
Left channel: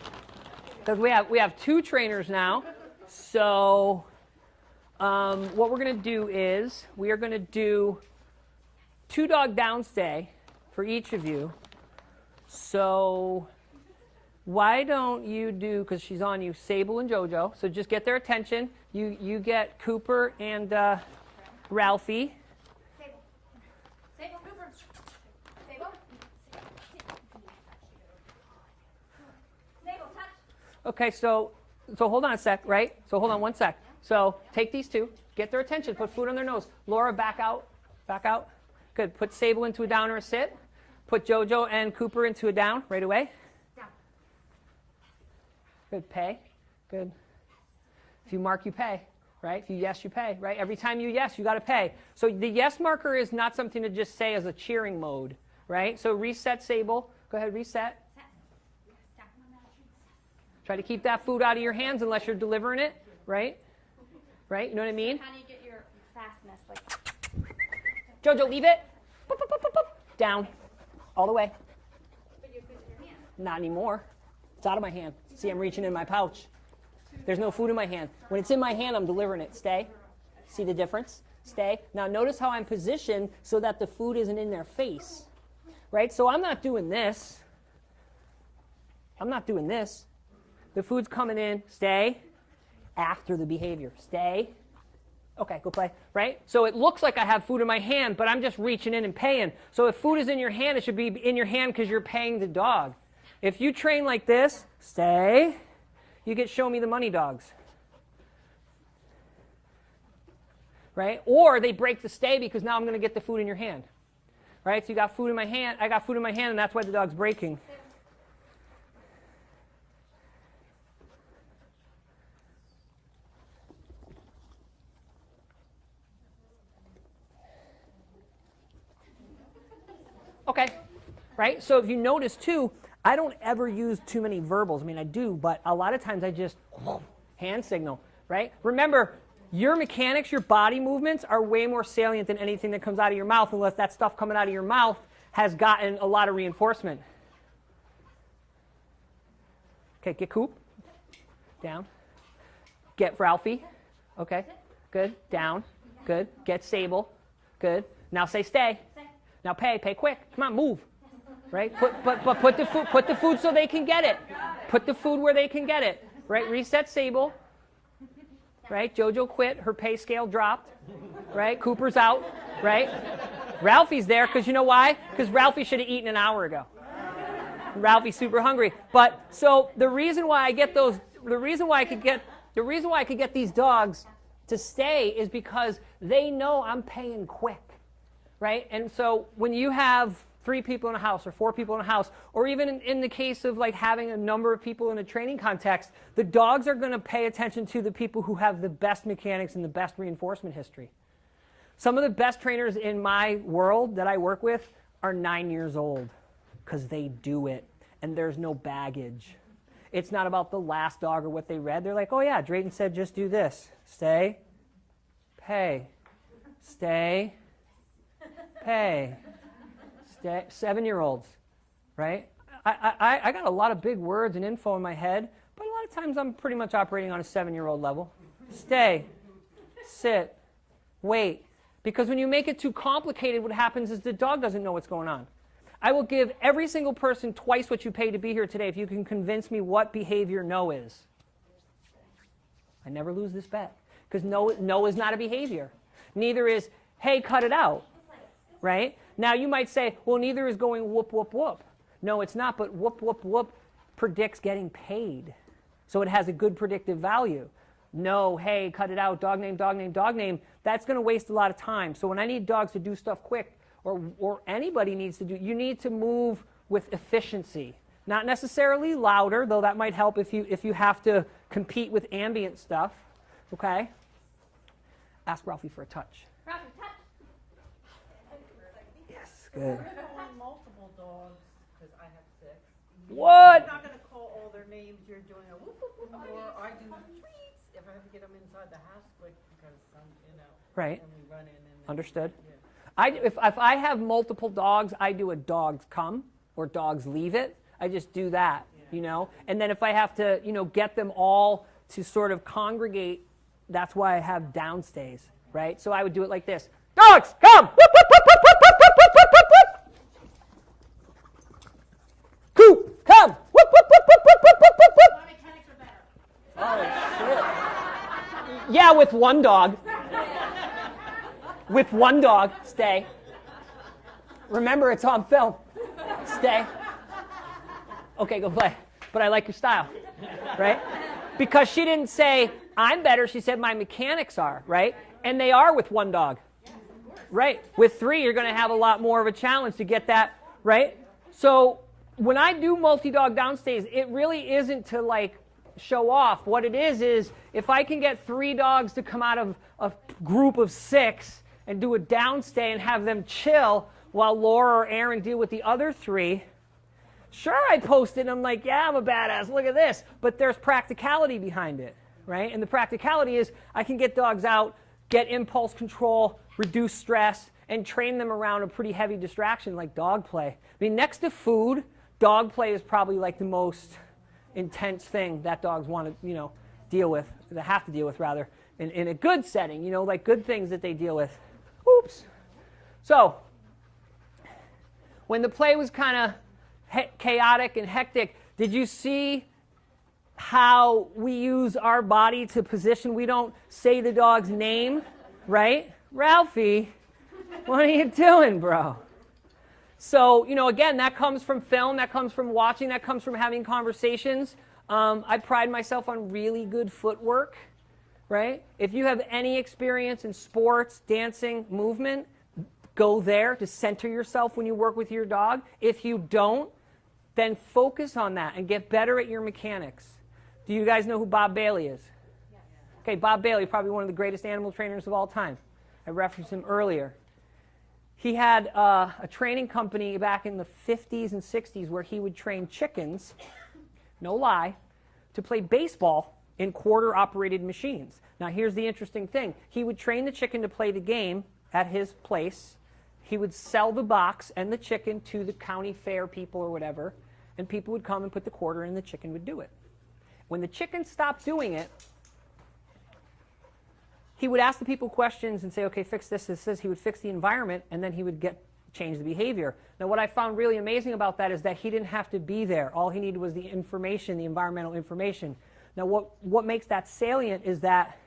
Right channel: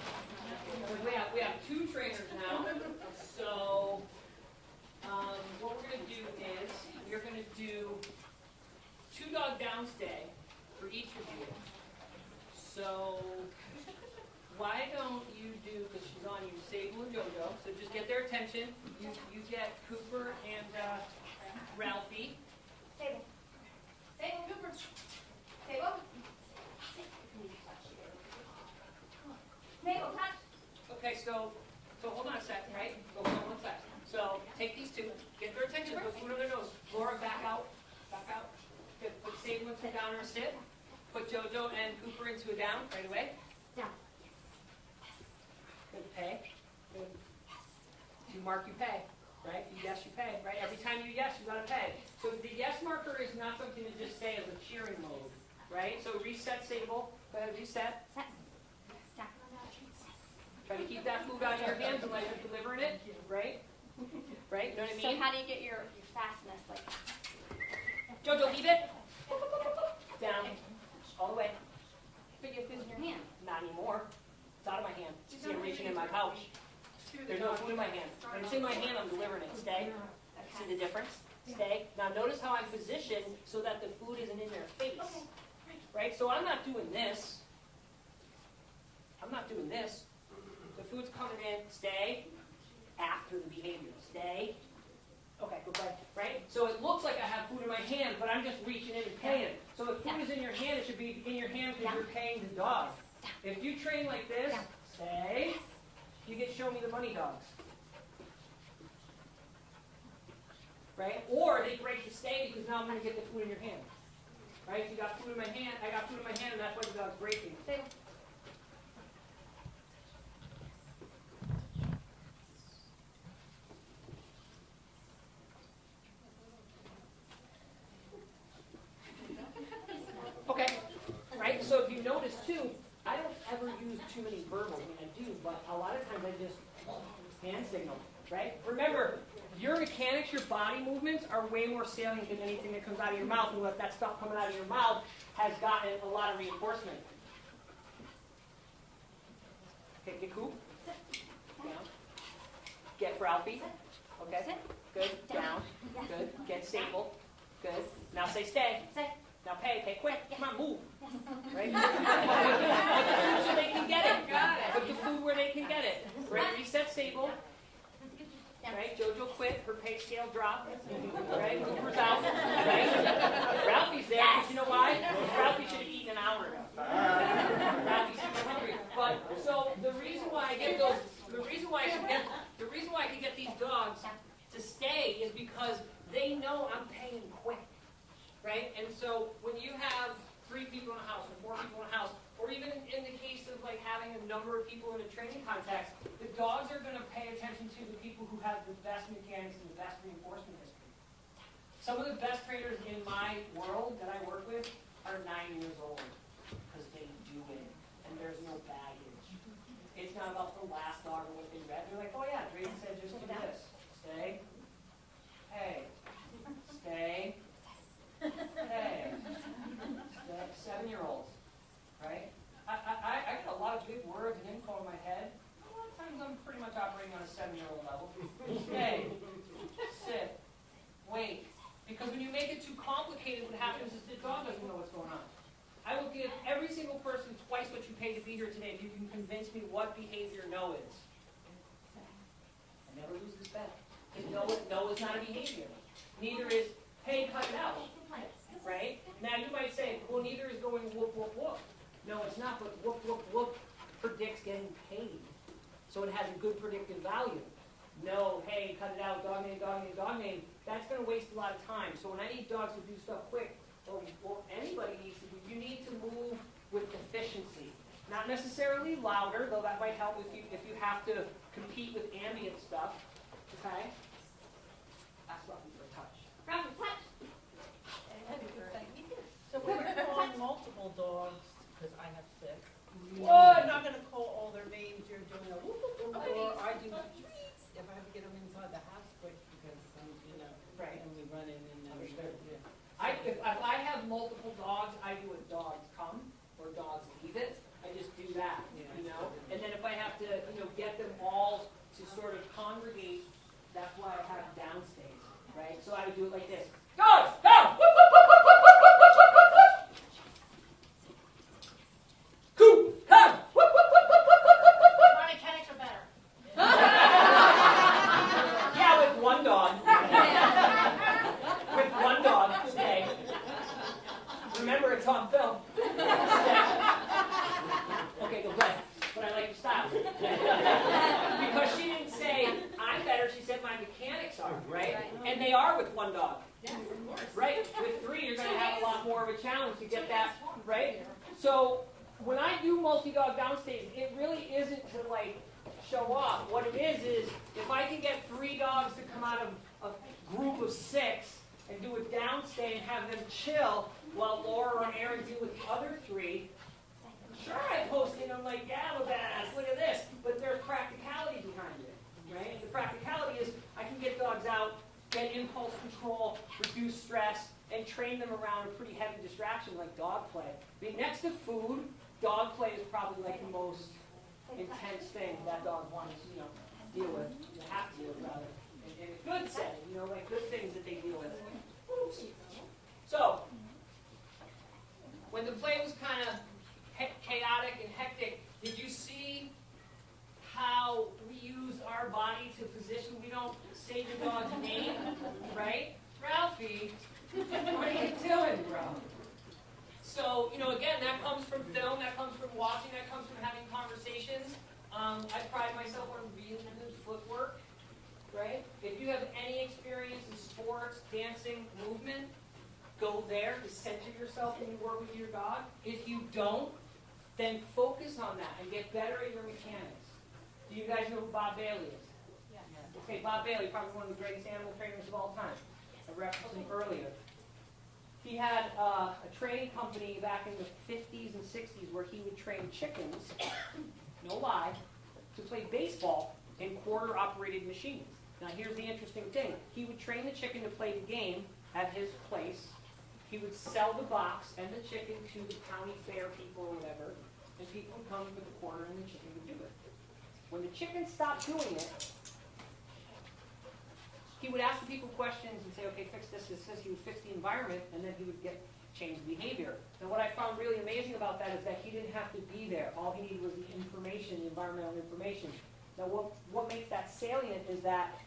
because we have 2 trainers now, so what we're going to do is we are going to do 2-dog downstay for each of you. So why don't you do, because she's on you, Sable and Jojo. So just get their attention. You get Cooper and Ralphie. Sable. Sable, Cooper. Sable. Sable, touch. Okay, so hold on a sec, right? So hold on one sec. So take these 2, get their attention, put food on their nose. Laura, back out, back out. Good. Put Sable into a down or a sit. Put Jojo and Cooper into a down right away. Down. Good. Pay. Good. If you mark, you pay, right? If you yes, you pay, right? Every time you yes, you got to pay. So the yes marker is not something to just say as a cheering mode, right? So reset, Sable. Go ahead, reset. Try to keep that food out of your hands unless you're delivering it, right? Right? You know what I mean? So how do you get your fastness? Like, Jojo, leave it. Boop, boop, boop, boop, boop. Down. All the way. but you have food in your hand. Not anymore. It's out of my hand. See, I'm reaching in my pouch. There's no food in my hand. When it's in my hand, I'm delivering it. Stay. See the difference? Stay. Now notice how I'm positioned so that the food isn't in their face. Right? So I'm not doing this. I'm not doing this. The food's coming in. Stay. After the behavior. Stay. Okay, go play. Right? So it looks like I have food in my hand, but I'm just reaching in and paying. So if food is in your hand, it should be in your hand because you're paying the dog. If you train like this, stay, you get show me the money dogs. Right? Or they break the stay because now I'm going to get the food in your hand. right? So you got food in my hand, I got food in my hand, and that's why the dog's breaking. Okay, right? So if you notice too, I don't ever use too many verbals. I mean, I do, but a lot of times I just hand signal, right? Remember, your mechanics, your body movements are way more salient than anything that comes out of your mouth, unless that stuff coming out of your mouth has gotten a lot of reinforcement. Okay, get Coop. Down. Get Ralphie. Okay, good. Down. Good. Get Sable. Good. Now say stay. Now pay quick. Come on, move. Right? But put the food so they can get it. Put the food where they can get it. Right? Reset Sable. Right? Jojo quit. Her pay scale dropped. Right? Cooper's out. Right? Ralphie's there because you know why? Because Ralphie should have eaten an hour ago. Ralphie's super hungry. But so the reason why I get those, the reason why I could get these dogs to stay is because they know I'm paying quick. Right? And so when you have 3 people in a house or 4 people in a house, or even in the case of like having a number of people in a training context, the dogs are going to pay attention to the people who have the best mechanics and the best reinforcement history. Some of the best trainers in my world that I work with are 9 years old because they do it and there's no baggage. It's not about the last dog or what they read. They're like, oh yeah, Drayton said just do this. Stay, pay, stay, pay. 7-year-olds, right? I got a lot of big words and info in my head, but a lot of times I'm pretty much operating on a 7-year-old level. Stay, sit, wait. Because when you make it too complicated, what happens is the dog doesn't know what's going on. I will give every single person twice what you paid to be here today if you can convince me what behavior no is. I never lose this bet. Because no is not a behavior. Neither is, hey, cut it out. Right? Now you might say, well, neither is going whoop, whoop, whoop. No, it's not, but whoop, whoop, whoop predicts getting paid. So it has a good predictive value. No, hey, cut it out, dog name, dog name, dog name, that's going to waste a lot of time. So when I need dogs to do stuff quick, or anybody needs to do, you need to move with efficiency. Not necessarily louder, though that might help if you have to compete with ambient stuff. Okay? Ask Ralphie for a touch. Ralphie, touch. So we're calling multiple dogs, because I have 6. What? I'm not going to call all their names. You're doing a whoop, whoop, whoop, or I do treats if I have to get them inside the house quick because, Right. and we run in. And Understood. Yeah. If I have multiple dogs, I do a dogs come or dogs leave it. I just do that, you know. And then if I have to, get them all to sort of congregate, that's why I have downstays, right? So I would do it like this. Dogs, come! Whoop, whoop, whoop, whoop, whoop, whoop, whoop, whoop, whoop, whoop. Coop, come! Whoop, whoop, whoop, whoop, whoop, whoop, whoop, whoop. My mechanics are better. Yeah, with one dog. With one dog, stay. Remember, it's on film. Stay. Okay, go play. But I like your style, right? Because she didn't say, I'm better. She said, my mechanics are, right? And they are with one dog. Right? With 3, you're going to have a lot more of a challenge to get that, right? So when I do multi-dog downstays, it really isn't to like show off. What it is if I can get 3 dogs to come out of a group of 6 and do a downstay and have them chill while Laura or Erin deal with the other 3, sure, I post it and I'm like, yeah, I'm a badass, look at this. But there's practicality behind it, right? And the practicality is I can get dogs out, get impulse control, reduce stress, and train them around a pretty heavy distraction like dog play. I mean, next to food, dog play is probably like the most intense thing that dogs want to, deal with, that have to deal with rather, in a good setting, like good things that they deal with. Oops. So, when the play was kind of chaotic and hectic, did you see how we use our body to position? We don't say the dog's name, right? Ralphie, what are you doing, bro? So, again, that comes from film, that comes from watching, that comes from having conversations. I pride myself on really good footwork, right? If you have any experience in sports, dancing, movement, go there to center yourself when you work with your dog. If you don't, then focus on that and get better at your mechanics. Do you guys know who Bob Bailey is? Okay, Bob Bailey, probably one of the greatest animal trainers of all time. I referenced him earlier. He had a training company back in the 50s and 60s where he would train chickens, no lie, to play baseball in quarter-operated machines. Now, here's the interesting thing. He would train the chicken to play the game at his place. He would sell the box and the chicken to the county fair people or whatever, and people would come and put the quarter in and the chicken would do it. When the chicken stopped doing it, he would ask the people questions and say, okay, fix this. He would fix the environment, and then he would change the behavior. Now, what I found really amazing about that is that he didn't have to be there. All he needed was the information, the environmental information. Now, what makes that salient is that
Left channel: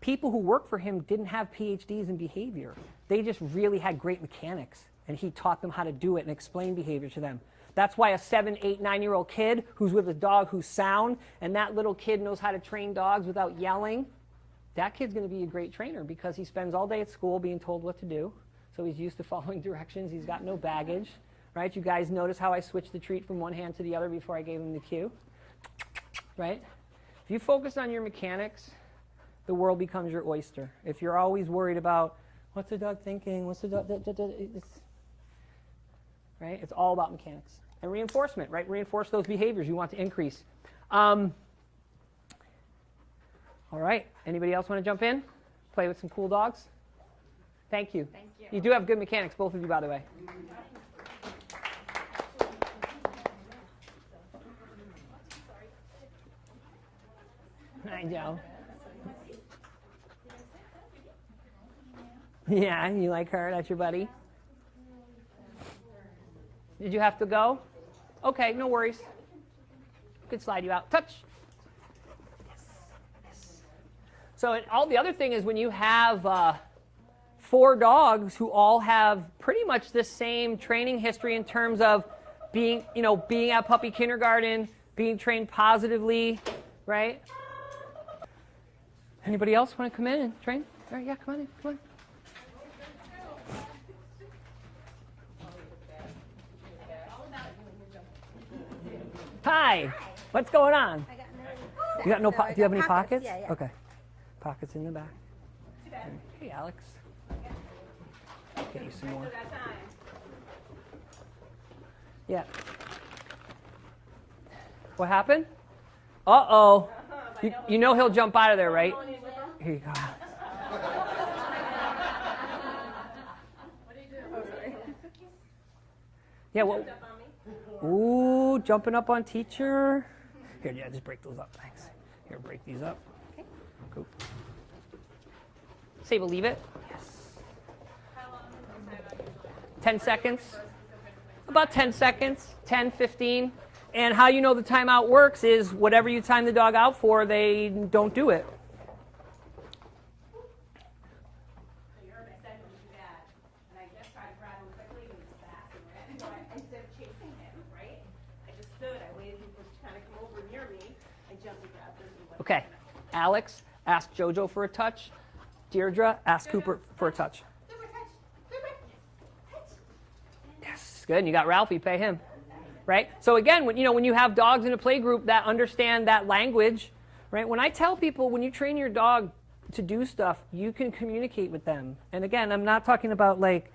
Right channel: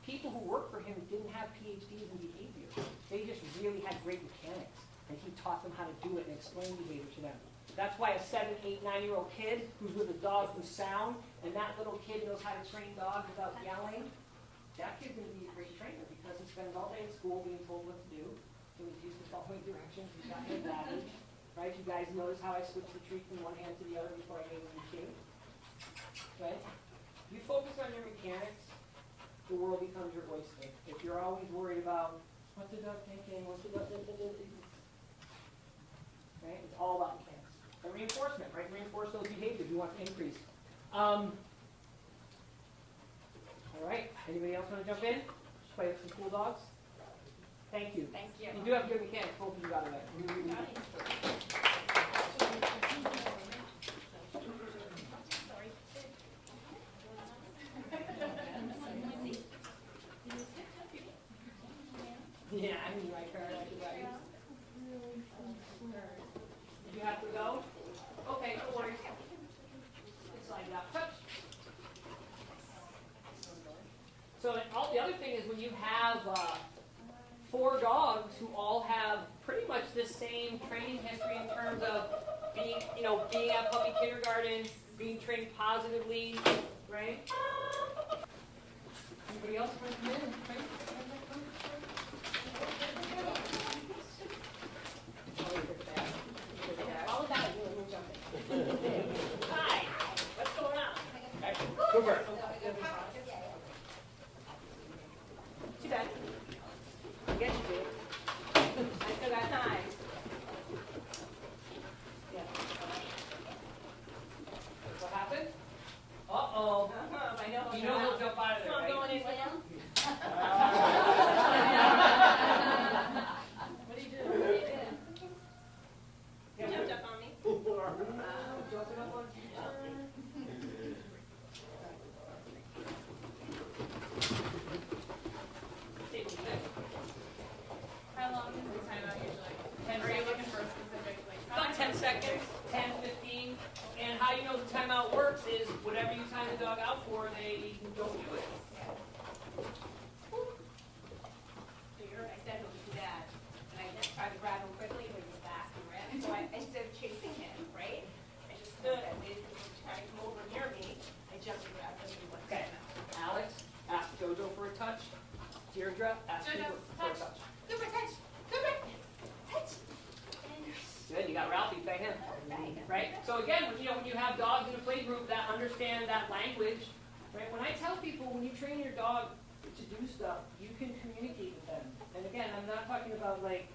people who worked for him didn't have PhDs in behavior. They just really had great mechanics, and he taught them how to do it and explain behavior to them. That's why a 7, 8, 9-year-old kid who's with a dog who's sound, and that little kid knows how to train dogs without yelling, that kid's going to be a great trainer because he spends all day at school being told what to do. So he's used to following directions. He's got no baggage, right? You guys notice how I switched the treat from one hand to the other before I gave him the cue, right? If you focus on your mechanics, the world becomes your oyster. If you're always worried about, what's the dog thinking? What's the dog, right? It's all about mechanics. And reinforcement, right? Reinforce those behaviors you want to increase. All right. Anybody else want to jump in? Play with some cool dogs? Thank you. Thank you. You do have good mechanics, both of you, by the way. I know. Yeah, you like her? That's your buddy? Did you have to go? Okay, no worries. Could slide you out. Touch. So all the other thing is when you have 4 dogs who all have pretty much the same training history in terms of being at puppy kindergarten, being trained positively, right? Anybody else want to come in and train? All right, yeah, come on, come on. Hi, what's going on? You got no do you have any pockets? Yeah, yeah. Okay. Pockets in the back. Too bad. Hey, Alex. I guess you do. I still got time. Yeah. What happened? Uh-oh. You know he'll jump out of there, right? Here you go. What do you do? Yeah, well. Ooh, jumping up on teacher. Here, yeah, just break those up. Thanks. Here, break these up. Sable, leave it. How long is the timeout usually? 10 seconds. For a specific, About 10 seconds, 10, 15. And how you know the timeout works is whatever you time the dog out for, they don't do it. So you heard I said it would do that, and I just tried to grab him quickly, but he's fast and ran. So instead of chasing him, right, I just stood, I waited for him to try to come over near me, I jumped and grabbed him. Okay, Alex, ask Jojo for a touch. Deirdre, ask Cooper for a touch. Cooper, touch! Cooper! Touch! Yes, good. And you got Ralphie, pay him. Right? So again, when you have dogs in a play group that understand that language, right? When I tell people when you train your dog to do stuff, you can communicate with them. And again, I'm not talking about like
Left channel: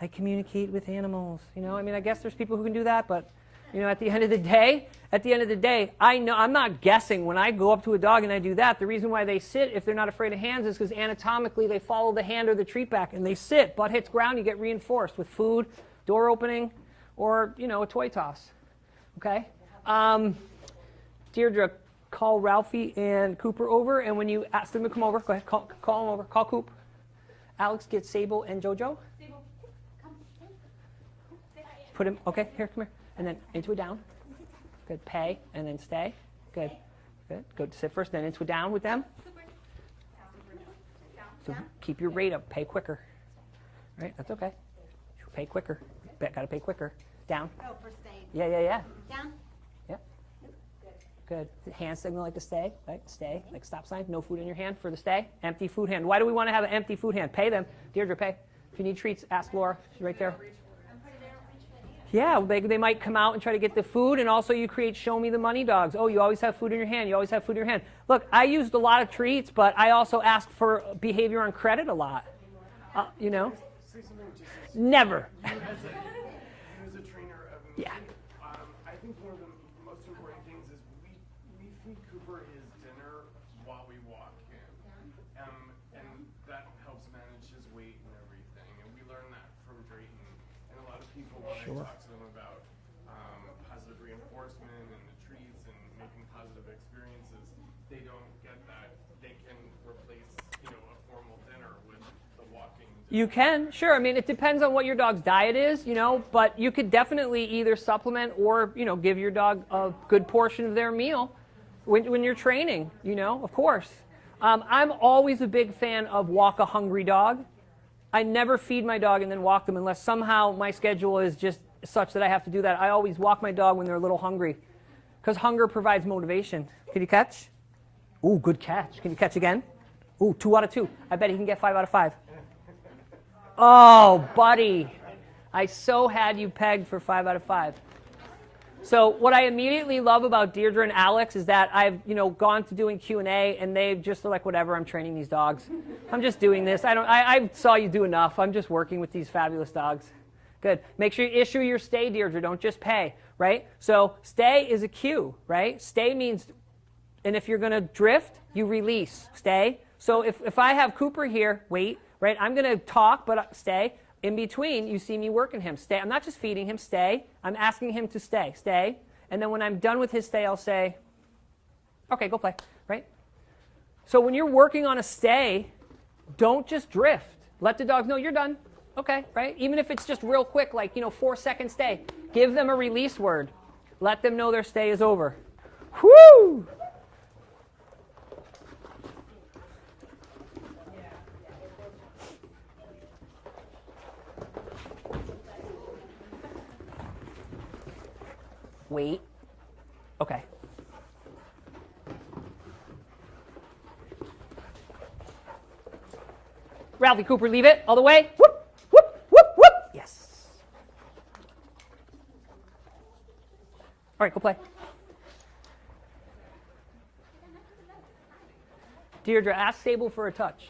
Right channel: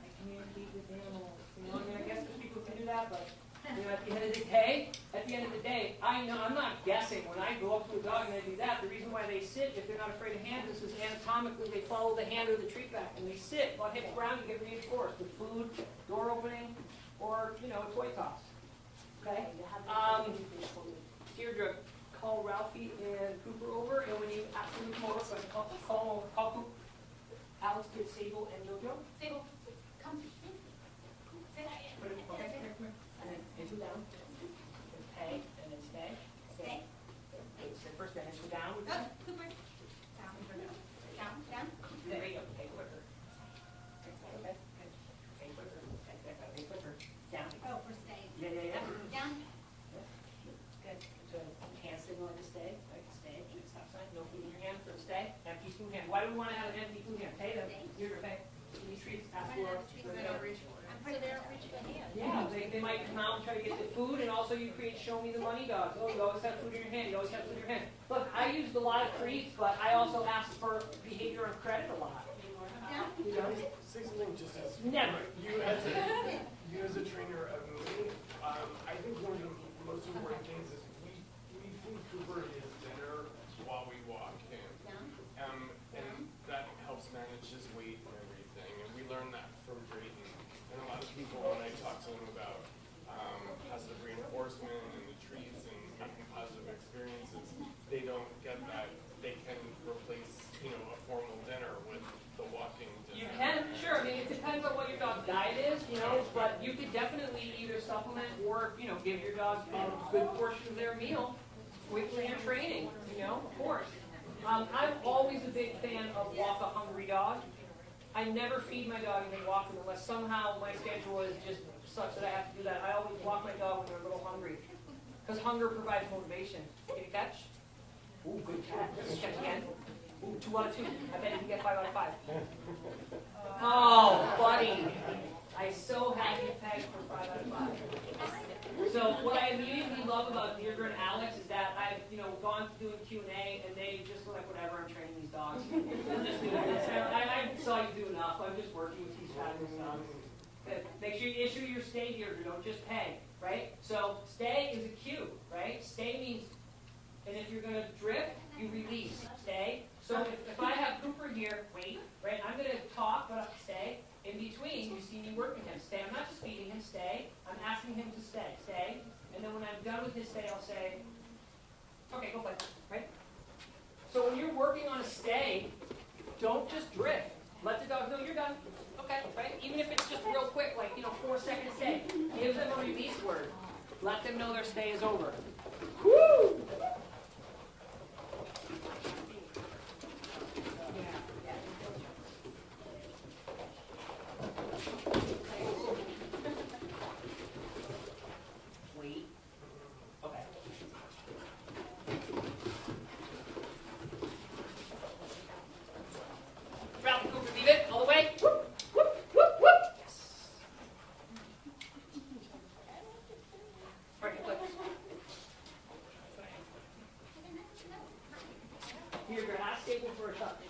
I communicate with animals. I guess there's people who can do that, but at the end of the day, I know I'm not guessing when I go up to a dog and I do that. The reason why they sit if they're not afraid of hands is because anatomically they follow the hand or the treat back and they sit. Butt hits ground, you get reinforced with food, door opening, or a toy toss. Okay? Deirdre, call Ralphie and Cooper over, and when you ask them to come over, go ahead, call them over. Call Coop. Alex, get Sable and Jojo. Sable, come. Put him, okay, here, come here. And then into a down. Good, pay, and then stay. Good. Good. Go to sit first, then into a down with them. So keep your rate up, pay quicker. Right, that's okay. Pay quicker. Gotta pay quicker. Down. Oh, for stay. Yeah. Down. Yep. Good. Hand signal like to stay, right? Stay, like stop sign. No food in your hand for the stay. Empty food hand. Why do we want to have an empty food hand? Pay them. Deirdre, pay. you need treats, ask Laura, right there. Yeah, they might come out and try to get the food, and also you create show me the money dogs. Oh, you always have food in your hand. You always have food in your hand. Look, I used a lot of treats, but I also asked for behavior on credit a lot. You know? Never. You as a trainer of me, I think one of the most important things is we feed Cooper his dinner while we walk him. And that helps manage his weight and everything. And we learned that from Drayton. And a lot of people, when I talk to them about positive reinforcement and the treats and making positive experiences, they don't get that they can replace, a formal dinner with the walking dinner. You can, sure. I mean, it depends on what your dog's diet is, but you could definitely either supplement or, give your dog a good portion of their meal when you're training, of course. I'm always a big fan of walk a hungry dog. I never feed my dog and then walk them unless somehow my schedule is just such that I have to do that. I always walk my dog when they're a little hungry because hunger provides motivation. Can you catch? Ooh, good catch. Can you catch again? Ooh, 2 out of 2. I bet he can get 5 out of 5. Oh, buddy. I so had you pegged for 5 out of 5. So what I immediately love about Deirdre and Alex is that I've, gone to doing Q&A and they've just like, whatever, I'm training these dogs. I'm just doing this. I saw you do enough. I'm just working with these fabulous dogs. Good. Make sure you issue your stay, Deirdre. Don't just pay, right? So stay is a cue, right? Stay means, and if you're going to drift, you release. Stay. So if I have Cooper here, wait, right? I'm going to talk, but stay. In between, you see me working him. Stay. I'm not just feeding him. Stay. I'm asking him to stay. Stay. And then when I'm done with his stay, I'll say, okay, go play, right? So when you're working on a stay, don't just drift. Let the dogs know you're done. Okay, right? Even if it's just real quick, like, 4-second stay. Give them a release word. Let them know their stay is over. Whoo! Wait. Okay. Ralphie, Cooper, leave it all the way. Whoop, whoop, whoop, whoop. Yes. All right, go play. Deirdre, ask Sable for a touch.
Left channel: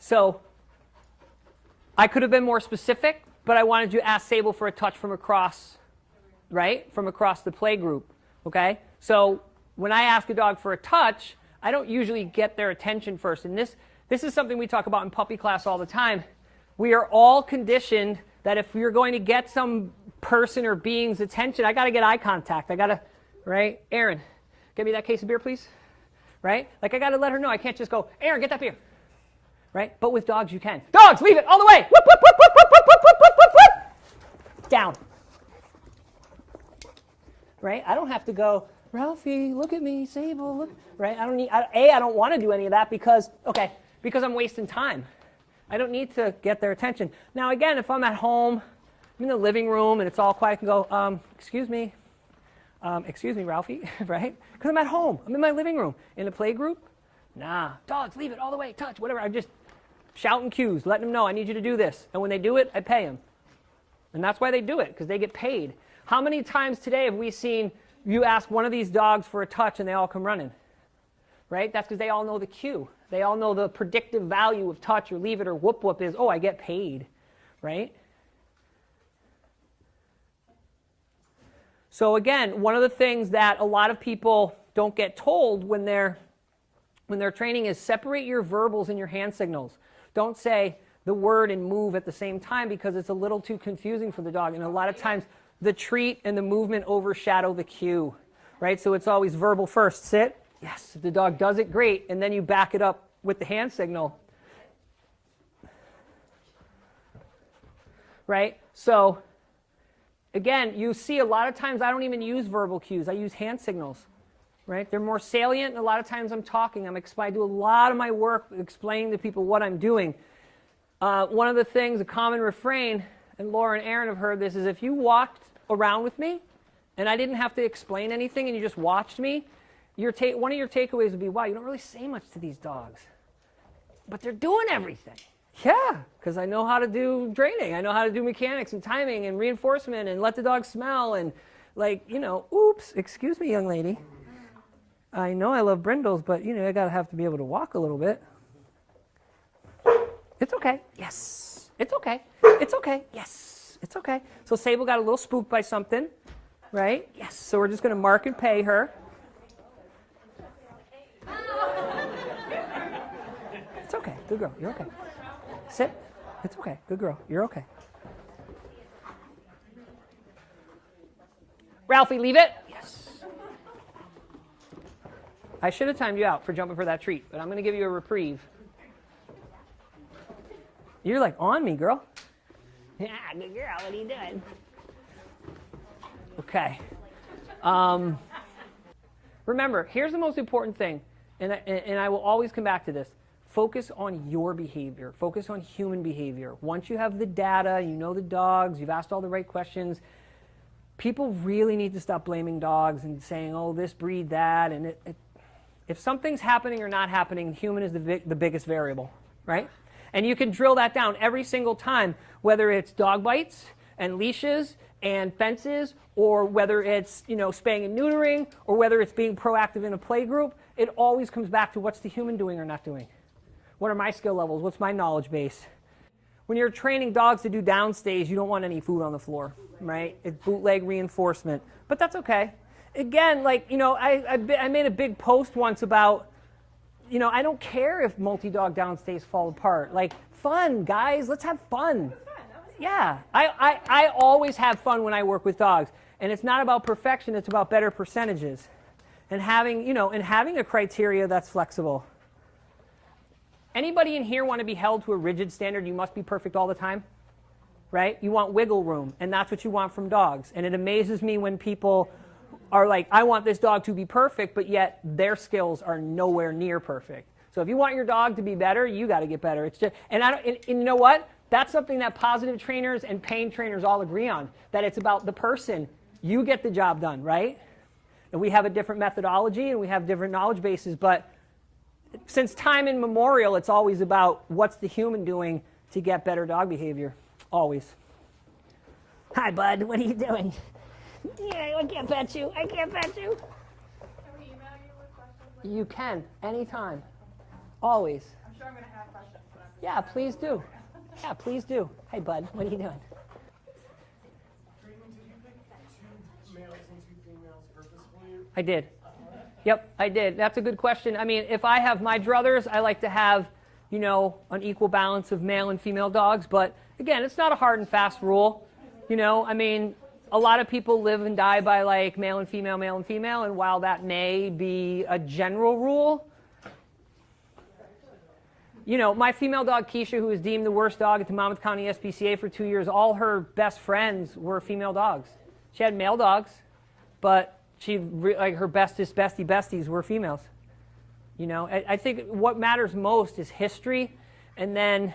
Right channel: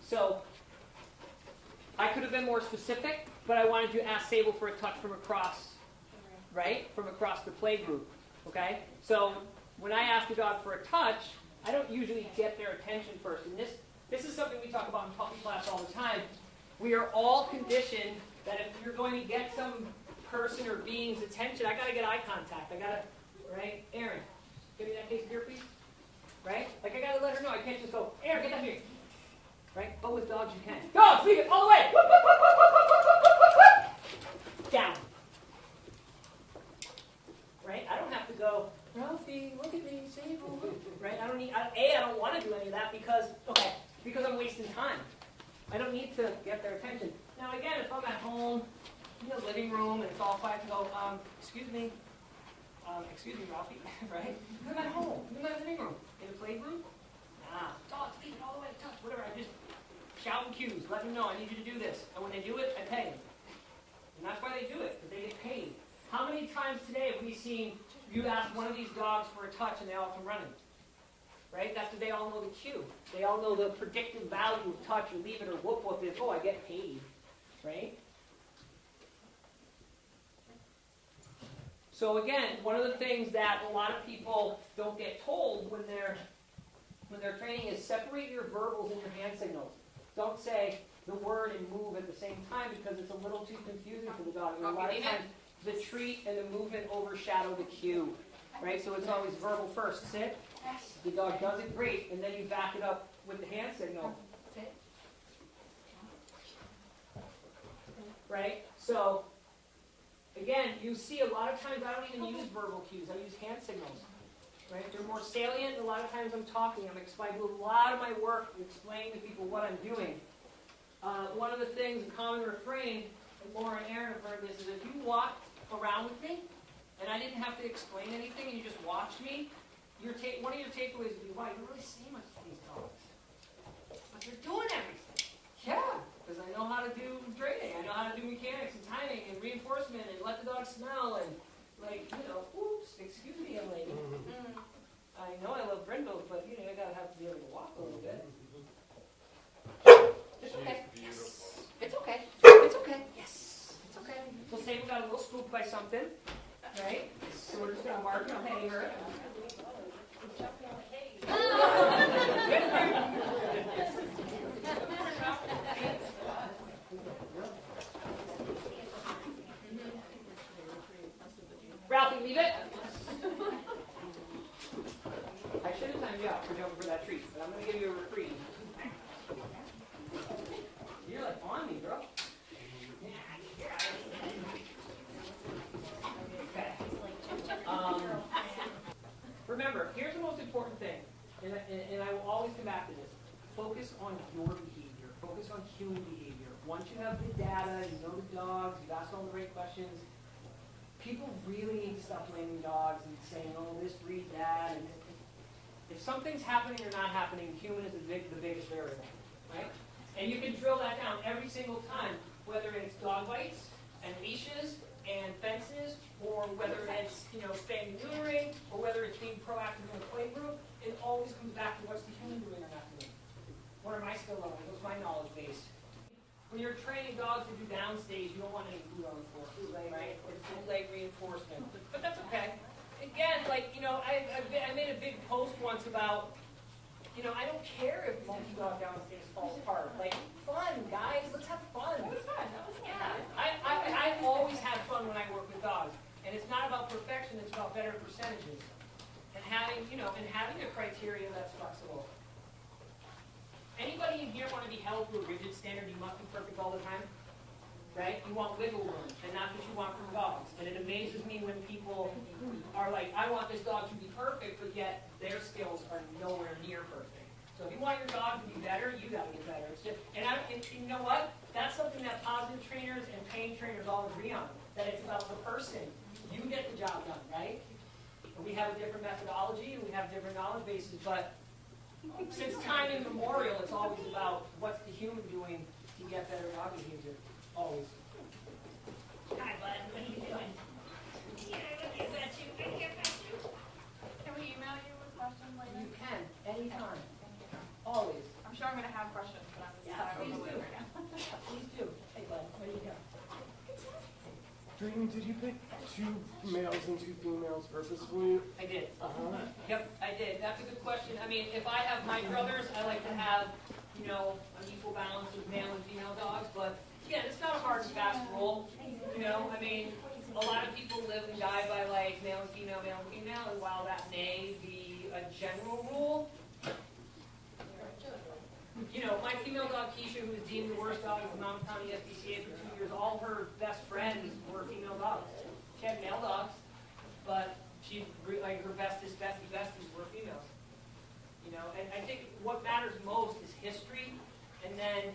So I could have been more specific, but I wanted you to ask Sable for a touch from across, right? From across the play group, okay? So when I ask a dog for a touch, I don't usually get their attention first. And this is something we talk about in puppy class all the time. We are all conditioned that if you're going to get some person or being's attention, I got to get eye contact. I got to, right? Erin, get me that case of beer, please. Right? Like I got to let her know. I can't just go, Erin, get that beer. Right? But with dogs, you can. Dogs, leave it all the way. Whoop, whoop, whoop, whoop, whoop, whoop, whoop, whoop, whoop, whoop. Down. Right? I don't have to go, Ralphie, look at me, Sable, look. Right? I don't need, I don't want to do any of that because I'm wasting time. I don't need to get their attention. Now, again, if I'm at home, I'm in the living room, and it's all quiet, I can go, excuse me, Ralphie, right? Because I'm at home. I'm in my living room. In a play group, nah, dogs, leave it all the way, touch, whatever. I just shouting cues, letting them know I need you to do this. And when they do it, I pay them. And that's why they do it, because they get paid. How many times today have we seen you ask one of these dogs for a touch and they all come running? Right? That's because they all know the cue. They all know the predictive value of touch or leave it or whoop whoop is, oh, I get paid. Right? So again, one of the things that a lot of people don't get told when they're training is separate your verbals and your hand signals. Don't say the word and move at the same time because it's a little too confusing for the dog. And a lot of times the treat and the movement overshadow the cue. Right? So it's always verbal first. Sit. Yes, the dog does it great, and then you back it up with the hand signal. Right? So, again, you see a lot of times I don't even use verbal cues. I use hand signals. Right? They're more salient, and a lot of times I'm talking. I do a lot of my work explaining to people what I'm doing. One of the things, a common refrain, and Laura and Erin have heard this, is if you walked around with me, and I didn't have to explain anything and you just watched me, one of your takeaways would be, wow, you don't really say much to these dogs, but they're doing everything. Yeah, because I know how to do draining. I know how to do mechanics and timing and reinforcement and let the dog smell and like, you know, oops, excuse me, young lady. I know I love brindles, but you know, I gotta have to be able to walk a little bit. It's okay. Yes. It's okay. It's okay. Yes. It's okay. So Sable got a little spooked by something, right? Yes. So we're just gonna mark and pay her. It's okay. Good girl. You're okay. Sit. It's okay. Good girl. You're okay. Ralphie, leave it. Yes. I should have timed you out for jumping for that treat, but I'm going to give you a reprieve. You're like on me, girl. Yeah, good girl. What are you doing? Okay. Remember, here's the most important thing, and I will always come back to this. Focus on your behavior. Focus on human behavior. Once you have the data, you know the dogs, you've asked all the right questions, people really need to stop blaming dogs and saying, oh, this breed, that. And if something's happening or not happening, human is the biggest variable, right? And you can drill that down every single time, whether it's dog bites and leashes and fences, or whether it's, you know, spaying and neutering, or whether it's being proactive in a play group. It always comes back to what's the human doing or not doing. What are my skill levels? What's my knowledge base? When you're training dogs to do downstays, you don't want any food on the floor, right? It's bootleg reinforcement, but that's okay. Again, like, you know, I made a big post once about, you know, I don't care if multi-dog downstays fall apart. Like, fun, guys, let's have fun. Yeah, I always have fun when I work with dogs, and it's not about perfection, it's about better percentages. And having, you know, and having a criteria that's flexible. Anybody in here want to be held to a rigid standard? You must be perfect all the time, right? You want wiggle room, and that's what you want from dogs. And it amazes me when people are like, I want this dog to be perfect, but yet their skills are nowhere near perfect. So if you want your dog to be better, you got to get better. It's just, and you know what? That's something that positive trainers and pain trainers all agree on, that it's about the person. You get the job done, right? And we have a different methodology, and we have different knowledge bases, but since time immemorial, it's always about what's the human doing to get better dog behavior. Always. Hi, bud. What are you doing? Yeah, I can't pet you. I can't pet you. Can we email you with questions like You can, anytime. Always. I'm sure I'm going to have questions. But I'm Yeah, please do. Yeah, please do. Hey, bud. What are you doing? Drayton, did you pick 2 males and 2 females purposefully? I did. Yep, I did. That's a good question. I mean, if I have my druthers, I like to have, you know, an equal balance of male and female dogs. But again, it's not a hard and fast rule. You know, I mean, a lot of people live and die by like male and female. And while that may be a general rule, you know, my female dog, Keisha, who was deemed the worst dog at the Monmouth County SPCA for 2 years, all her best friends were female dogs. She had male dogs, but like her besties were females. You know, I think what matters most is history, and then,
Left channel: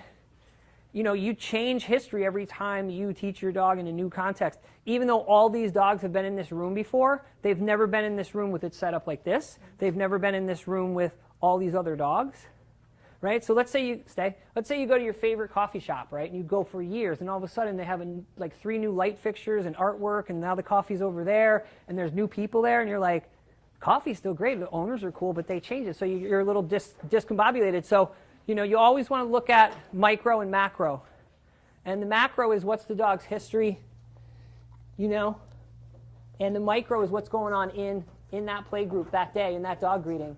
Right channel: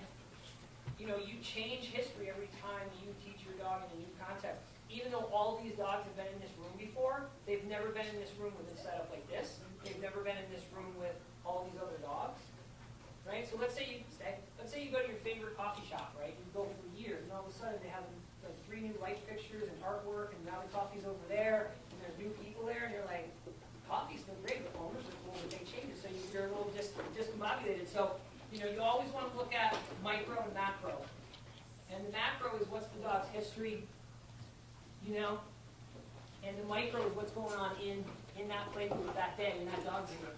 you know, you change history every time you teach your dog in a new context. Even though all these dogs have been in this room before, they've never been in this room with it set up like this. They've never been in this room with all these other dogs. Right? So let's say you go to your favorite coffee shop, right? And you go for years, and all of a sudden they have like 3 new light fixtures and artwork, and now the coffee's over there, and there's new people there, and you're like, coffee's still great, the owners are cool, but they change it. So you're a little discombobulated. So, you know, you always want to look at micro and macro. And the macro is what's the dog's history, you know? And the micro is what's going on in that play group that day, in that dog breeding.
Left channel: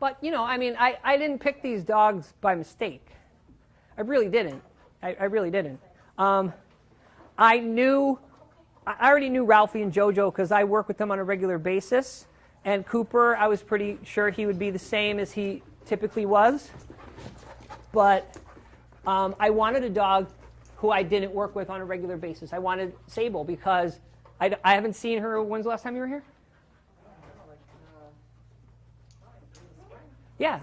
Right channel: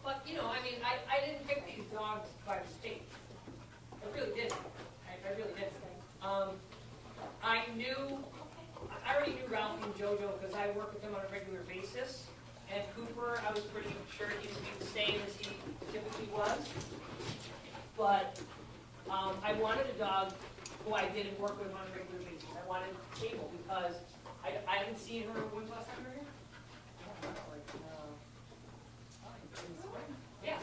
But, you know, I mean, I didn't pick these dogs by mistake. I really didn't. I really didn't. I already knew Ralphie and Jojo because I work with them on a regular basis. And Cooper, I was pretty sure he would be the same as he typically was. But I wanted a dog who I didn't work with on a regular basis. I wanted Sable because I haven't seen her. When's the last time you were here? Yeah,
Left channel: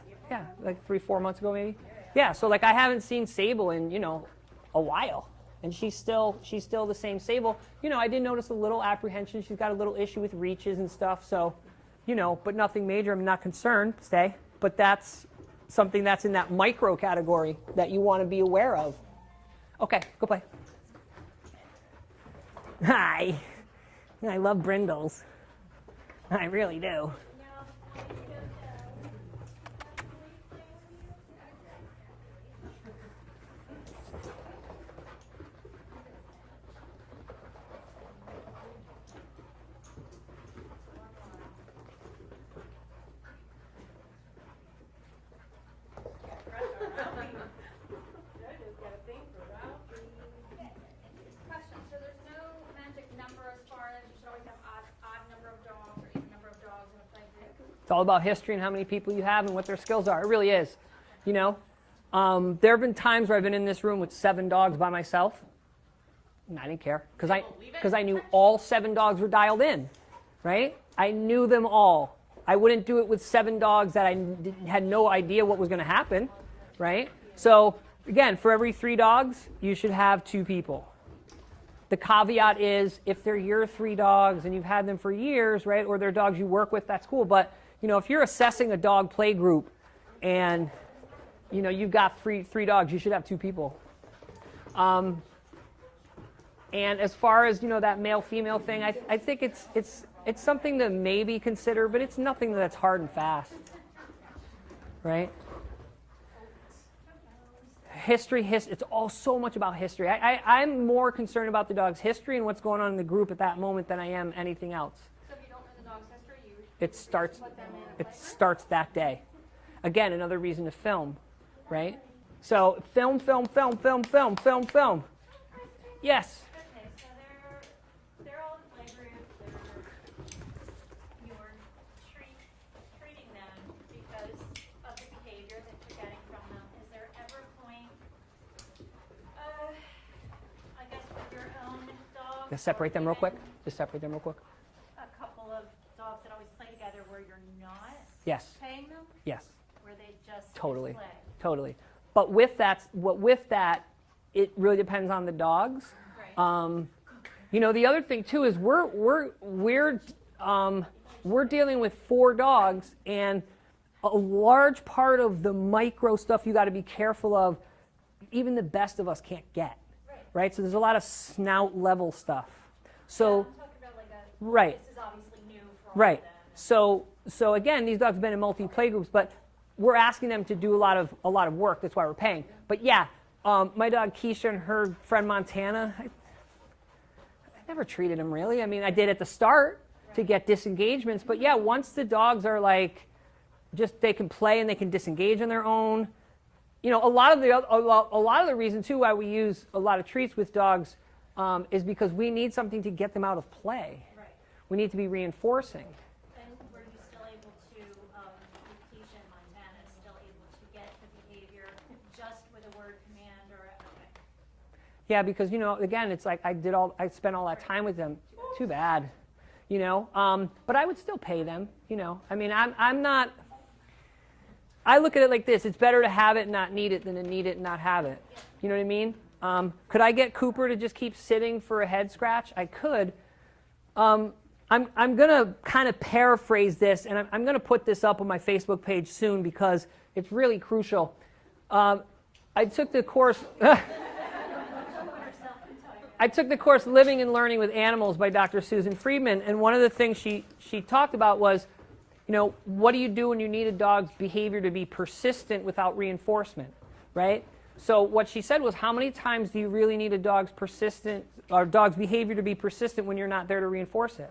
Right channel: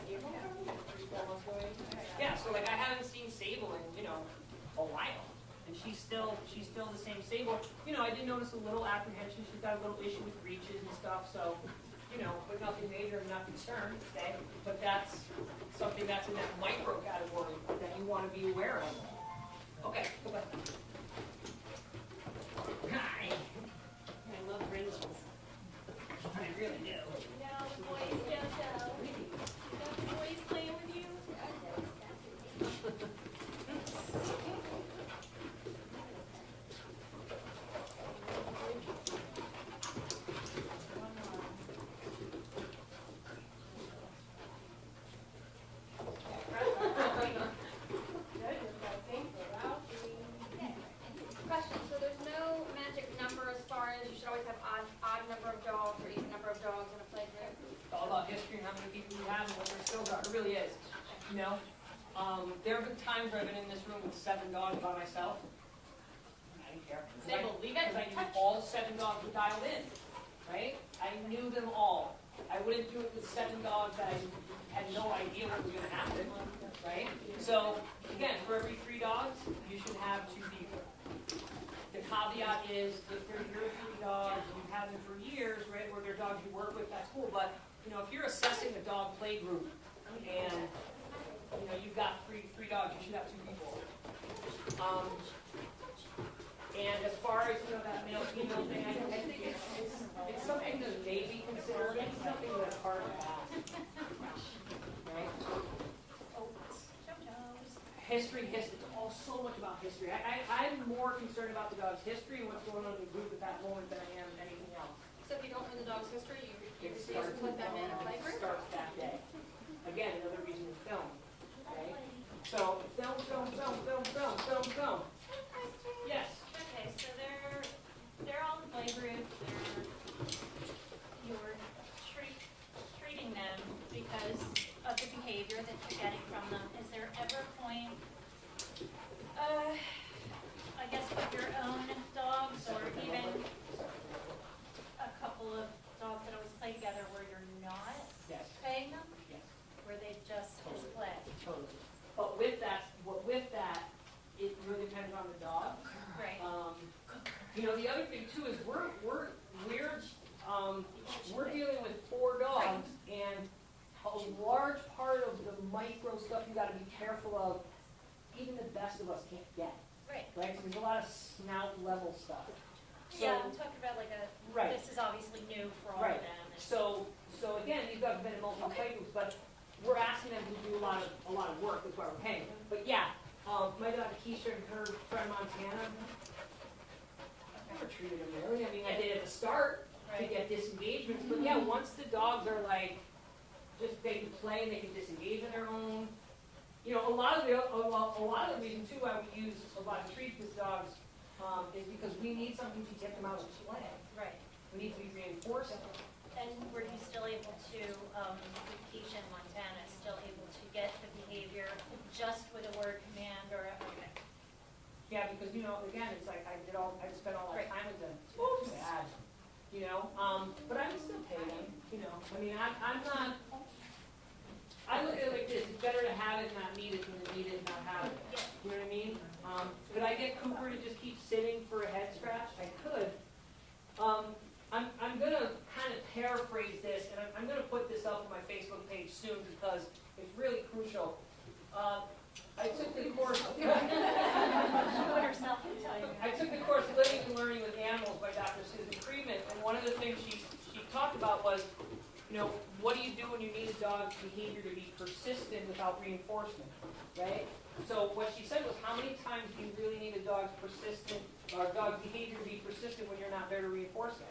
like 3-4 months ago maybe. Yeah, so like I haven't seen Sable in, you know, a while. and she's still the same Sable. I did notice a little apprehension. She's got a little issue with reaches and stuff, so, but nothing major. I'm not concerned, stay. But that's something that's in that micro category that you want to be aware of. Okay, go play. Hi. I love brindles. I really do. No boys, Jojo. No boys playing with you? Question, so there's no magic number as far as you should always have odd number of dogs or even number of dogs in a play group? It's all about history and how many people you have and what their skills are. It really is. There have been times where I've been in this room with 7 dogs by myself, and I didn't care because I knew all 7 dogs were dialed in, right? I knew them all. I wouldn't do it with 7 dogs that I had no idea what was going to happen, right? So again, for every 3 dogs, you should have 2 people. The caveat is if they're your 3 dogs and you've had them for years, right, or they're dogs you work with, that's cool. But if you're assessing a dog play group and you've got 3 dogs, you should have 2 people. And as far as that male-female thing, I think it's something to maybe consider, but it's nothing that's hard and fast, right? History, it's all so much about history. I'm more concerned about the dog's history and what's going on in the group at that moment than I am anything else. So if you don't know the dog's history, It starts that day. Again, another reason to film, right? So film. Yes. Okay, so they're all in the play group. You're treating them because of the behavior that you're getting from them. Is there ever a point, I guess with your own dogs? Just separate them real quick. A couple of dogs that always play together where you're not Yes. paying them, Yes. where they just Totally. display? Totally. But with that, it really depends on the dogs. Right. The other thing too is we're dealing with 4 dogs, and a large part of the micro stuff you got to be careful of. Even the best of us can't get. Right. So there's a lot of snout level stuff. So yeah, I'm talking about like right. This is obviously new for all right. of them. So again, these dogs have been in multi-play groups, but we're asking them to do a lot of work. That's why we're paying. But yeah, my dog Keisha and her friend Montana, I never treated them really. I mean, I did at the start to get disengagements, but yeah, once the dogs are like, they can play and they can disengage on their own. A lot of the reason too why we use a lot of treats with dogs is because we need something to get them out of play. Right. We need to be reinforcing. And were you still able to, with Keisha and Montana, still able to get the behavior just with a word command or okay? Yeah, because again, it's like I spent all that time with them. Too bad, But I would still pay them. I mean, I'm not. I look at it like this: it's better to have it and not need it than to need it and not have it. You know what I mean? Could I get Cooper to just keep sitting for a head scratch? I could. I'm going to kind of paraphrase this, and I'm going to put this up on my Facebook page soon because it's really crucial. I took the course. I took the course Living and Learning with Animals by Dr. Susan Friedman, and one of the things she talked about was, what do you do when you need a dog's behavior to be persistent without reinforcement, right? So what she said was, how many times do you really need a dog's behavior to be persistent when you're not there to reinforce it?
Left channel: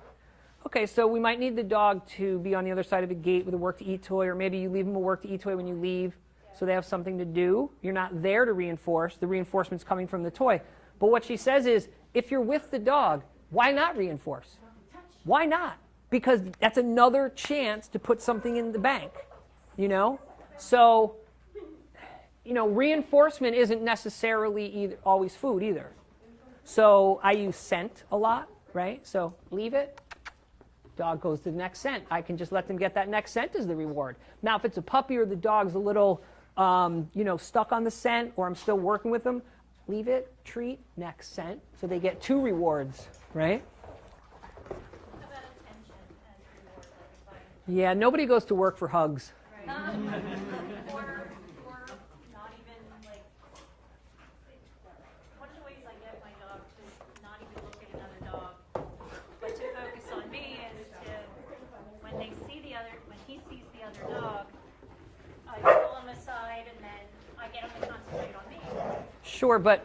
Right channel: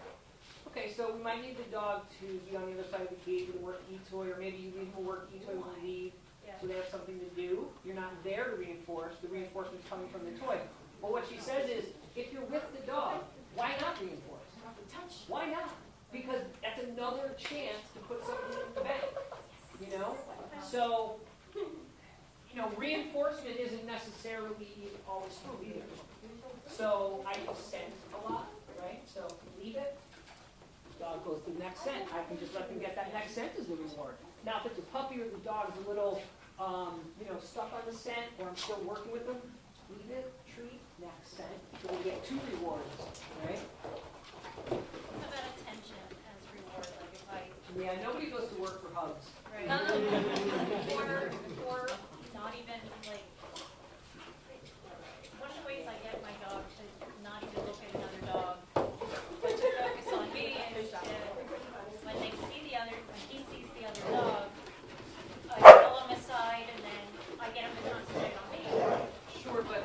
Okay, so we might need the dog to be on the other side of the gate with a work-to-eat toy, or maybe you leave them a work-to-eat toy when you leave, so they have something to do. You're not there to reinforce. The reinforcement's coming from the toy. But what she says is, if you're with the dog, why not reinforce? Why not? Because that's another chance to put something in the bank, So, reinforcement isn't necessarily always food either. So I use scent a lot, right? So leave it. Dog goes to the next scent. I can just let them get that next scent as the reward. Now, if it's a puppy or the dog's a little, stuck on the scent, or I'm still working with them, leave it, treat, next, scent. So they get 2 rewards, right? What about attention as reward? Like if I Yeah, nobody goes to work for hugs. or not even like one of the ways I get my dog to not even look at another dog, but to focus on me and when he sees the other dog, I pull him aside and then I get him to concentrate on me. Sure, but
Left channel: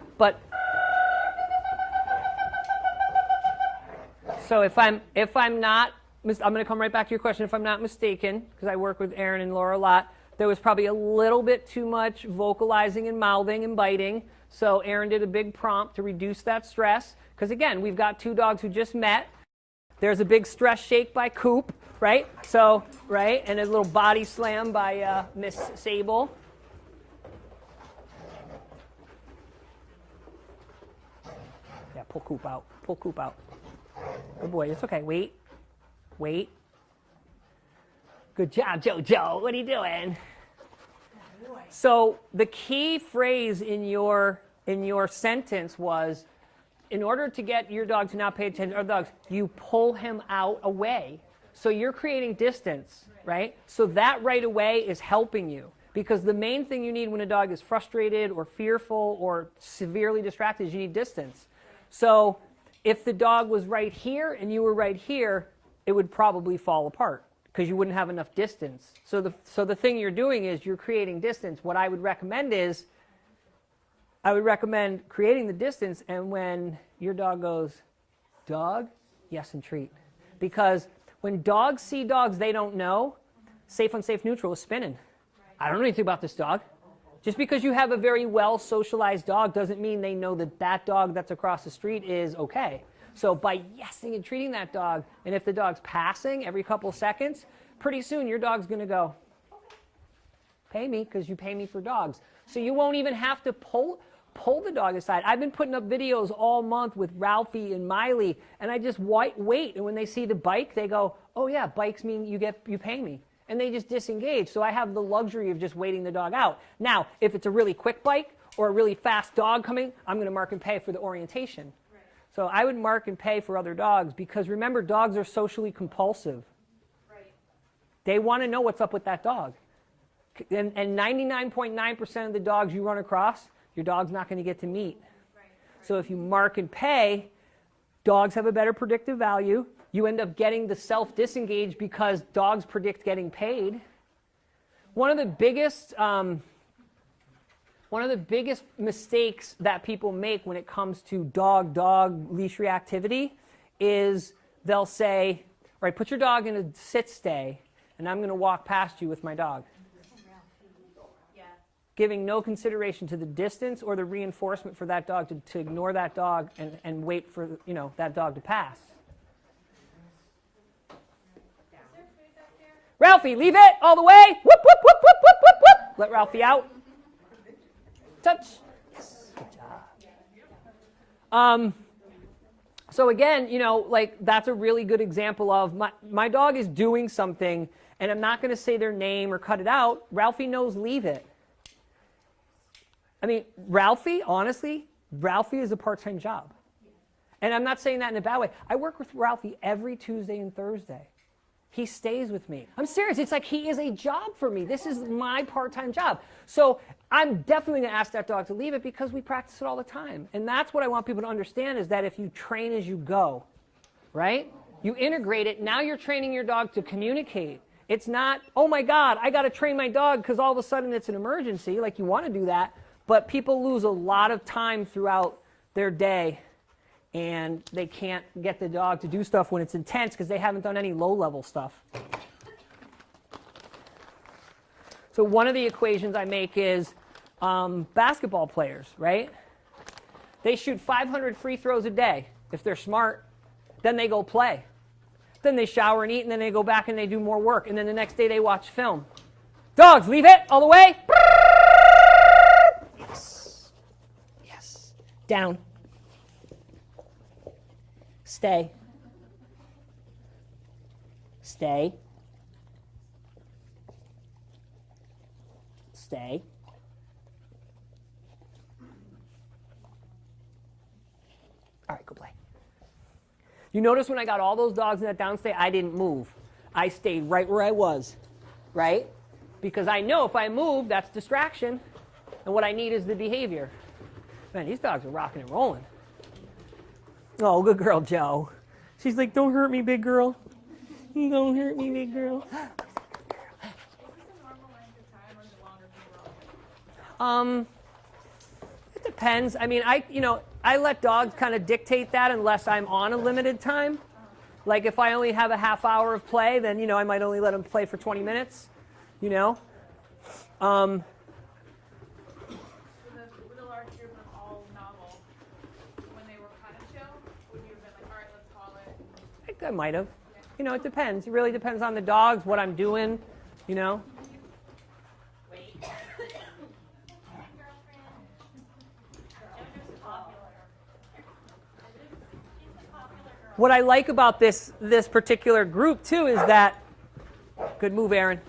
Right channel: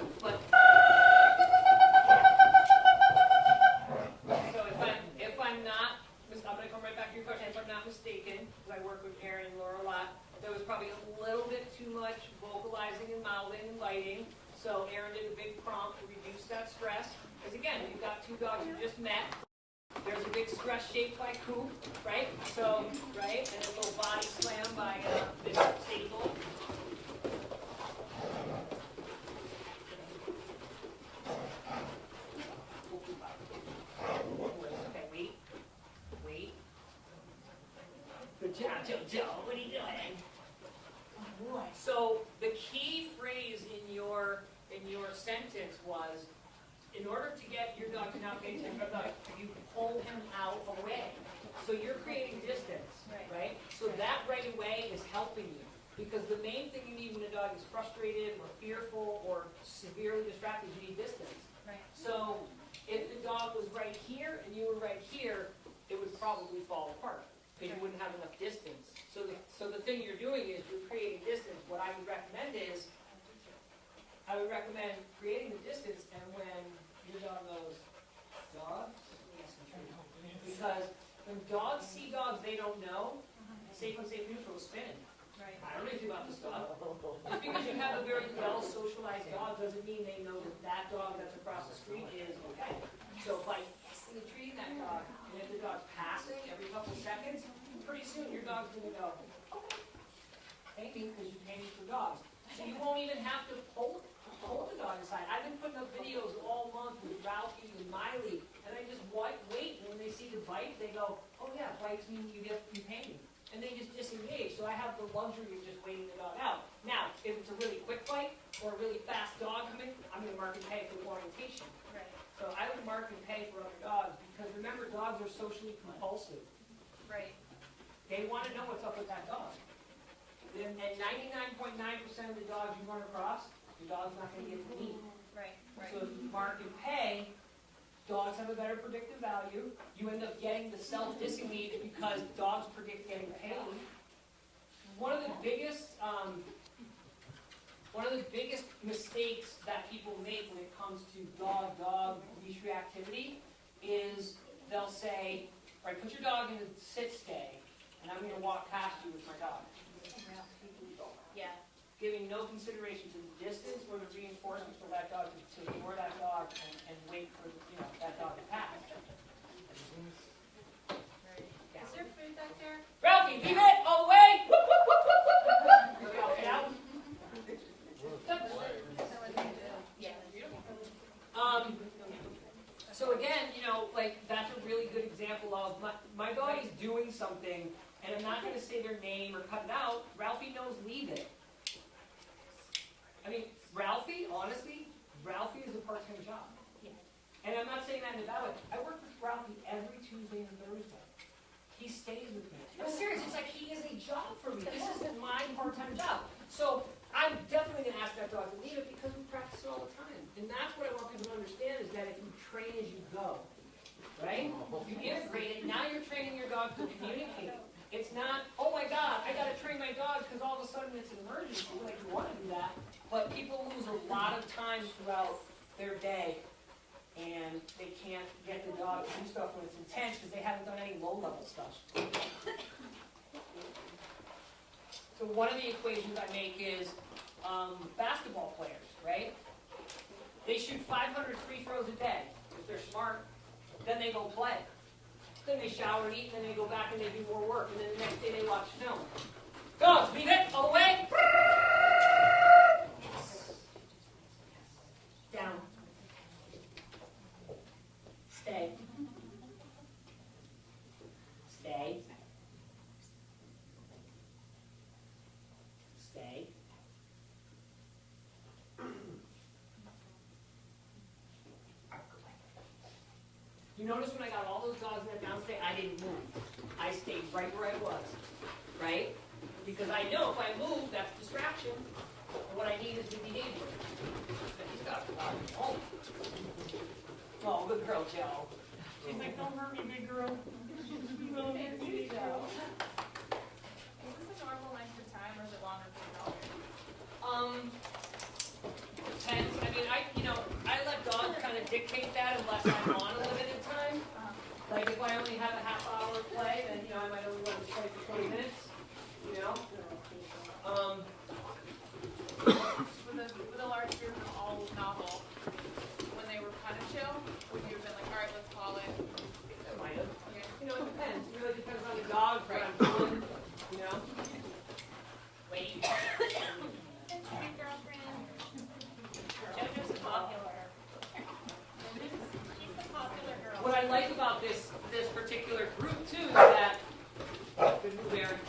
so if I'm not, I'm going to come right back to your question. If I'm not mistaken, because I work with Erin and Laura a lot, there was probably a little bit too much vocalizing and mouthing and biting. So Erin did a big prompt to reduce that stress. Because again, we've got 2 dogs who just met. There's a big stress shake by Coop, right? So, right, and a little body slam by Miss Sable. Yeah, pull Coop out. Pull Coop out. Oh boy, it's okay. Wait. Wait. Good job, Jojo. What are you doing? So the key phrase in your sentence was, in order to get your dog to not pay attention to other dogs, you pull him out away. So you're creating distance, right? So that right away is helping you. Because the main thing you need when a dog is frustrated or fearful or severely distracted is you need distance. So if the dog was right here and you were right here, it would probably fall apart because you wouldn't have enough distance. So the thing you're doing is you're creating distance. What I would recommend is, I would recommend creating the distance, and when your dog goes, dog, yes, and treat. Because when dogs see dogs they don't know, safe, unsafe, neutral is spinning. I don't know anything about this dog. Just because you have a very well socialized dog doesn't mean they know that that dog that's across the street is okay. So by yesing and treating that dog, and if the dog's passing every couple seconds, pretty soon your dog's going to go, pay me because you pay me for dogs. So you won't even have to pull the dog aside. I've been putting up videos all month with Ralphie and Miley, and I just wait. And when they see the bike, they go, oh yeah, bikes mean you pay me. And they just disengage. So I have the luxury of just waiting the dog out. Now, if it's a really quick bike or a really fast dog coming, I'm going to mark and pay for the orientation. So I would mark and pay for other dogs because remember, dogs are socially compulsive. Right. They want to know what's up with that dog. And 99.9% of the dogs you run across, your dog's not going to get to meet. Right. So if you mark and pay, dogs have a better predictive value. You end up getting the self-disengage because dogs predict getting paid. One of the biggest mistakes that people make when it comes to dog leash reactivity is they'll say, all right, put your dog in a sit-stay, and I'm going to walk past you with my dog. Yeah. Giving no consideration to the distance or the reinforcement for that dog to ignore that dog and wait for that dog to pass. Is there food back there? Ralphie, leave it all the way. Whoop, whoop, whoop, whoop, whoop, whoop, whoop. Let Ralphie out. Touch. So again, like that's a really good example of my dog is doing something, and I'm not going to say their name or cut it out. Ralphie knows leave it. I mean, Ralphie, honestly, Ralphie is a part-time job. And I'm not saying that in a bad way. I work with Ralphie every Tuesday and Thursday. He stays with me. I'm serious. It's like he is a job for me. This is my part-time job. So I'm definitely going to ask that dog to leave it because we practice it all the time. And that's what I want people to understand is that if you train as you go, right? You integrate it. Now you're training your dog to communicate. It's not, oh my God, I got to train my dog because all of a sudden it's an emergency. Like you want to do that. But people lose a lot of time throughout their day and they can't get the dog to do stuff when it's intense because they haven't done any low-level stuff. So one of the equations I make is basketball players, right? They shoot 500 free throws a day. If they're smart, then they go play. Then they shower and eat, and then they go back and they do more work. And then the next day they watch film. Dogs, leave it all the way. Yes. Yes. Down. Stay. Stay. Stay. You notice when I got all those dogs in that downstay, I didn't move. I stayed right where I was, right? Because I know if I move, that's distraction. And what I need is the behavior. Man, these dogs are rocking and rolling. Oh, good girl, Joe. She's like, don't hurt me, big girl. Don't hurt me, big girl. Is this a normal length of time or is it longer than normal? It depends. I mean, I let dogs kind of dictate that unless I'm on a limited time. Like if I only have a half hour of play, then, I might only let them play for 20 minutes, With a large group of all novel, when they were kind of chill, would you have been like, all right, let's call it? I think I might have. It depends. It really depends on the dogs, what I'm doing, Wait. Jojo's popular. She's the popular girl. What I like about this particular group, too, is that, good move, Erin.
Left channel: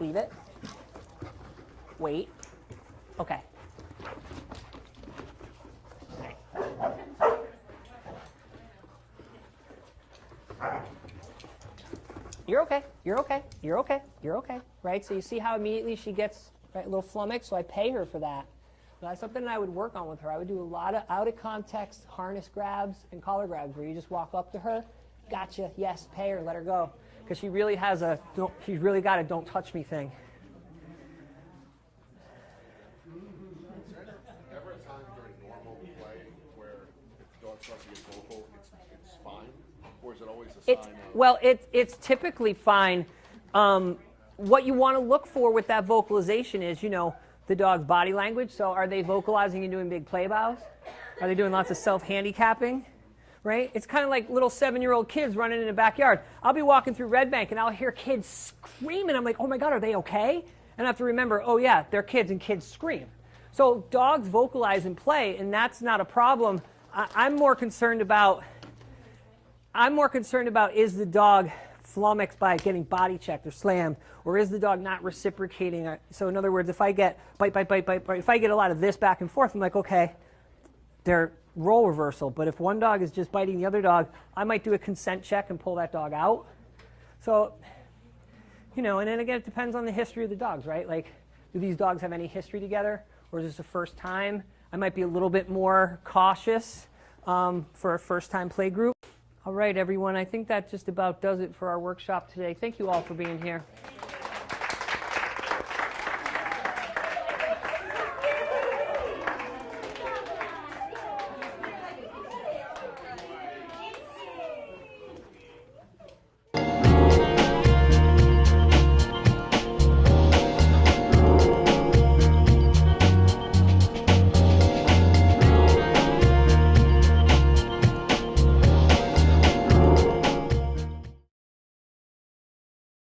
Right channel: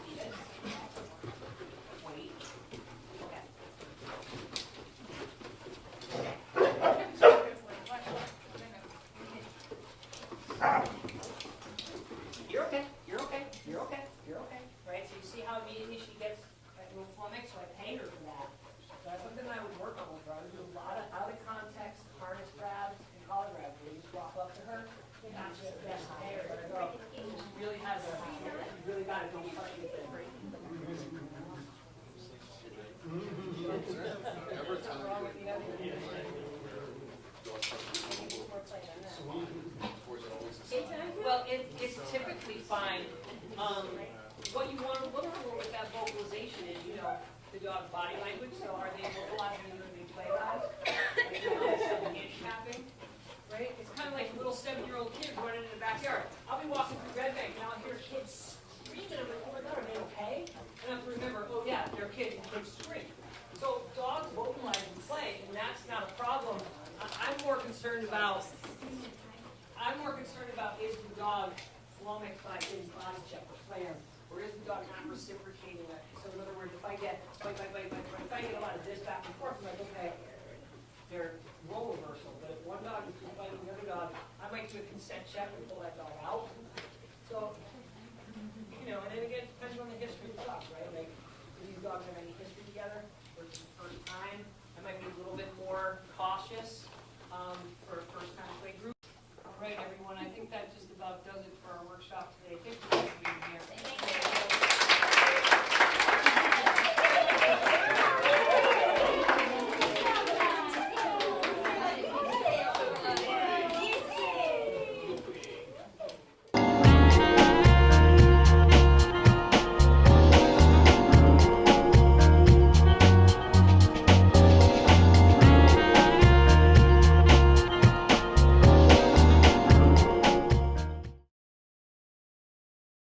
Leave it. Wait. Okay. You're okay. You're okay. You're okay. You're okay. Right? So you see how immediately she gets a little flummoxed, so I pay her for that. So that's something that I would work on with her. I would do a lot of out-of-context harness grabs and collar grabs where you just walk up to her, gotcha, yes, pay her, let her go. Because she really has she's really got a don't touch me thing. It's typically fine. What you want to look for with that vocalization is, the dog's body language. So are they vocalizing and doing big play bows? Are they doing lots of self-handicapping? Right? It's kind of like little 7-year-old kids running in the backyard. I'll be walking through Red Bank and I'll hear kids screaming. I'm like, oh my God, are they okay? And I have to remember, oh yeah, they're kids and kids scream. So dogs vocalize and play, and that's not a problem. I'm more concerned about is the dog flummoxed by getting body checked or slammed, or is the dog not reciprocating? So in other words, if I get bite, if I get a lot of this back and forth, I'm like, okay, they're role reversal. But if one dog is just biting the other dog, I might do a consent check and pull that dog out. So, and then again, it depends on the history of the dogs, right? Like, do these dogs have any history together, or is this the first time? I might be a little bit more cautious for a first-time play group. All right, everyone, I think that just about does it for our workshop today. Thank you all for being here.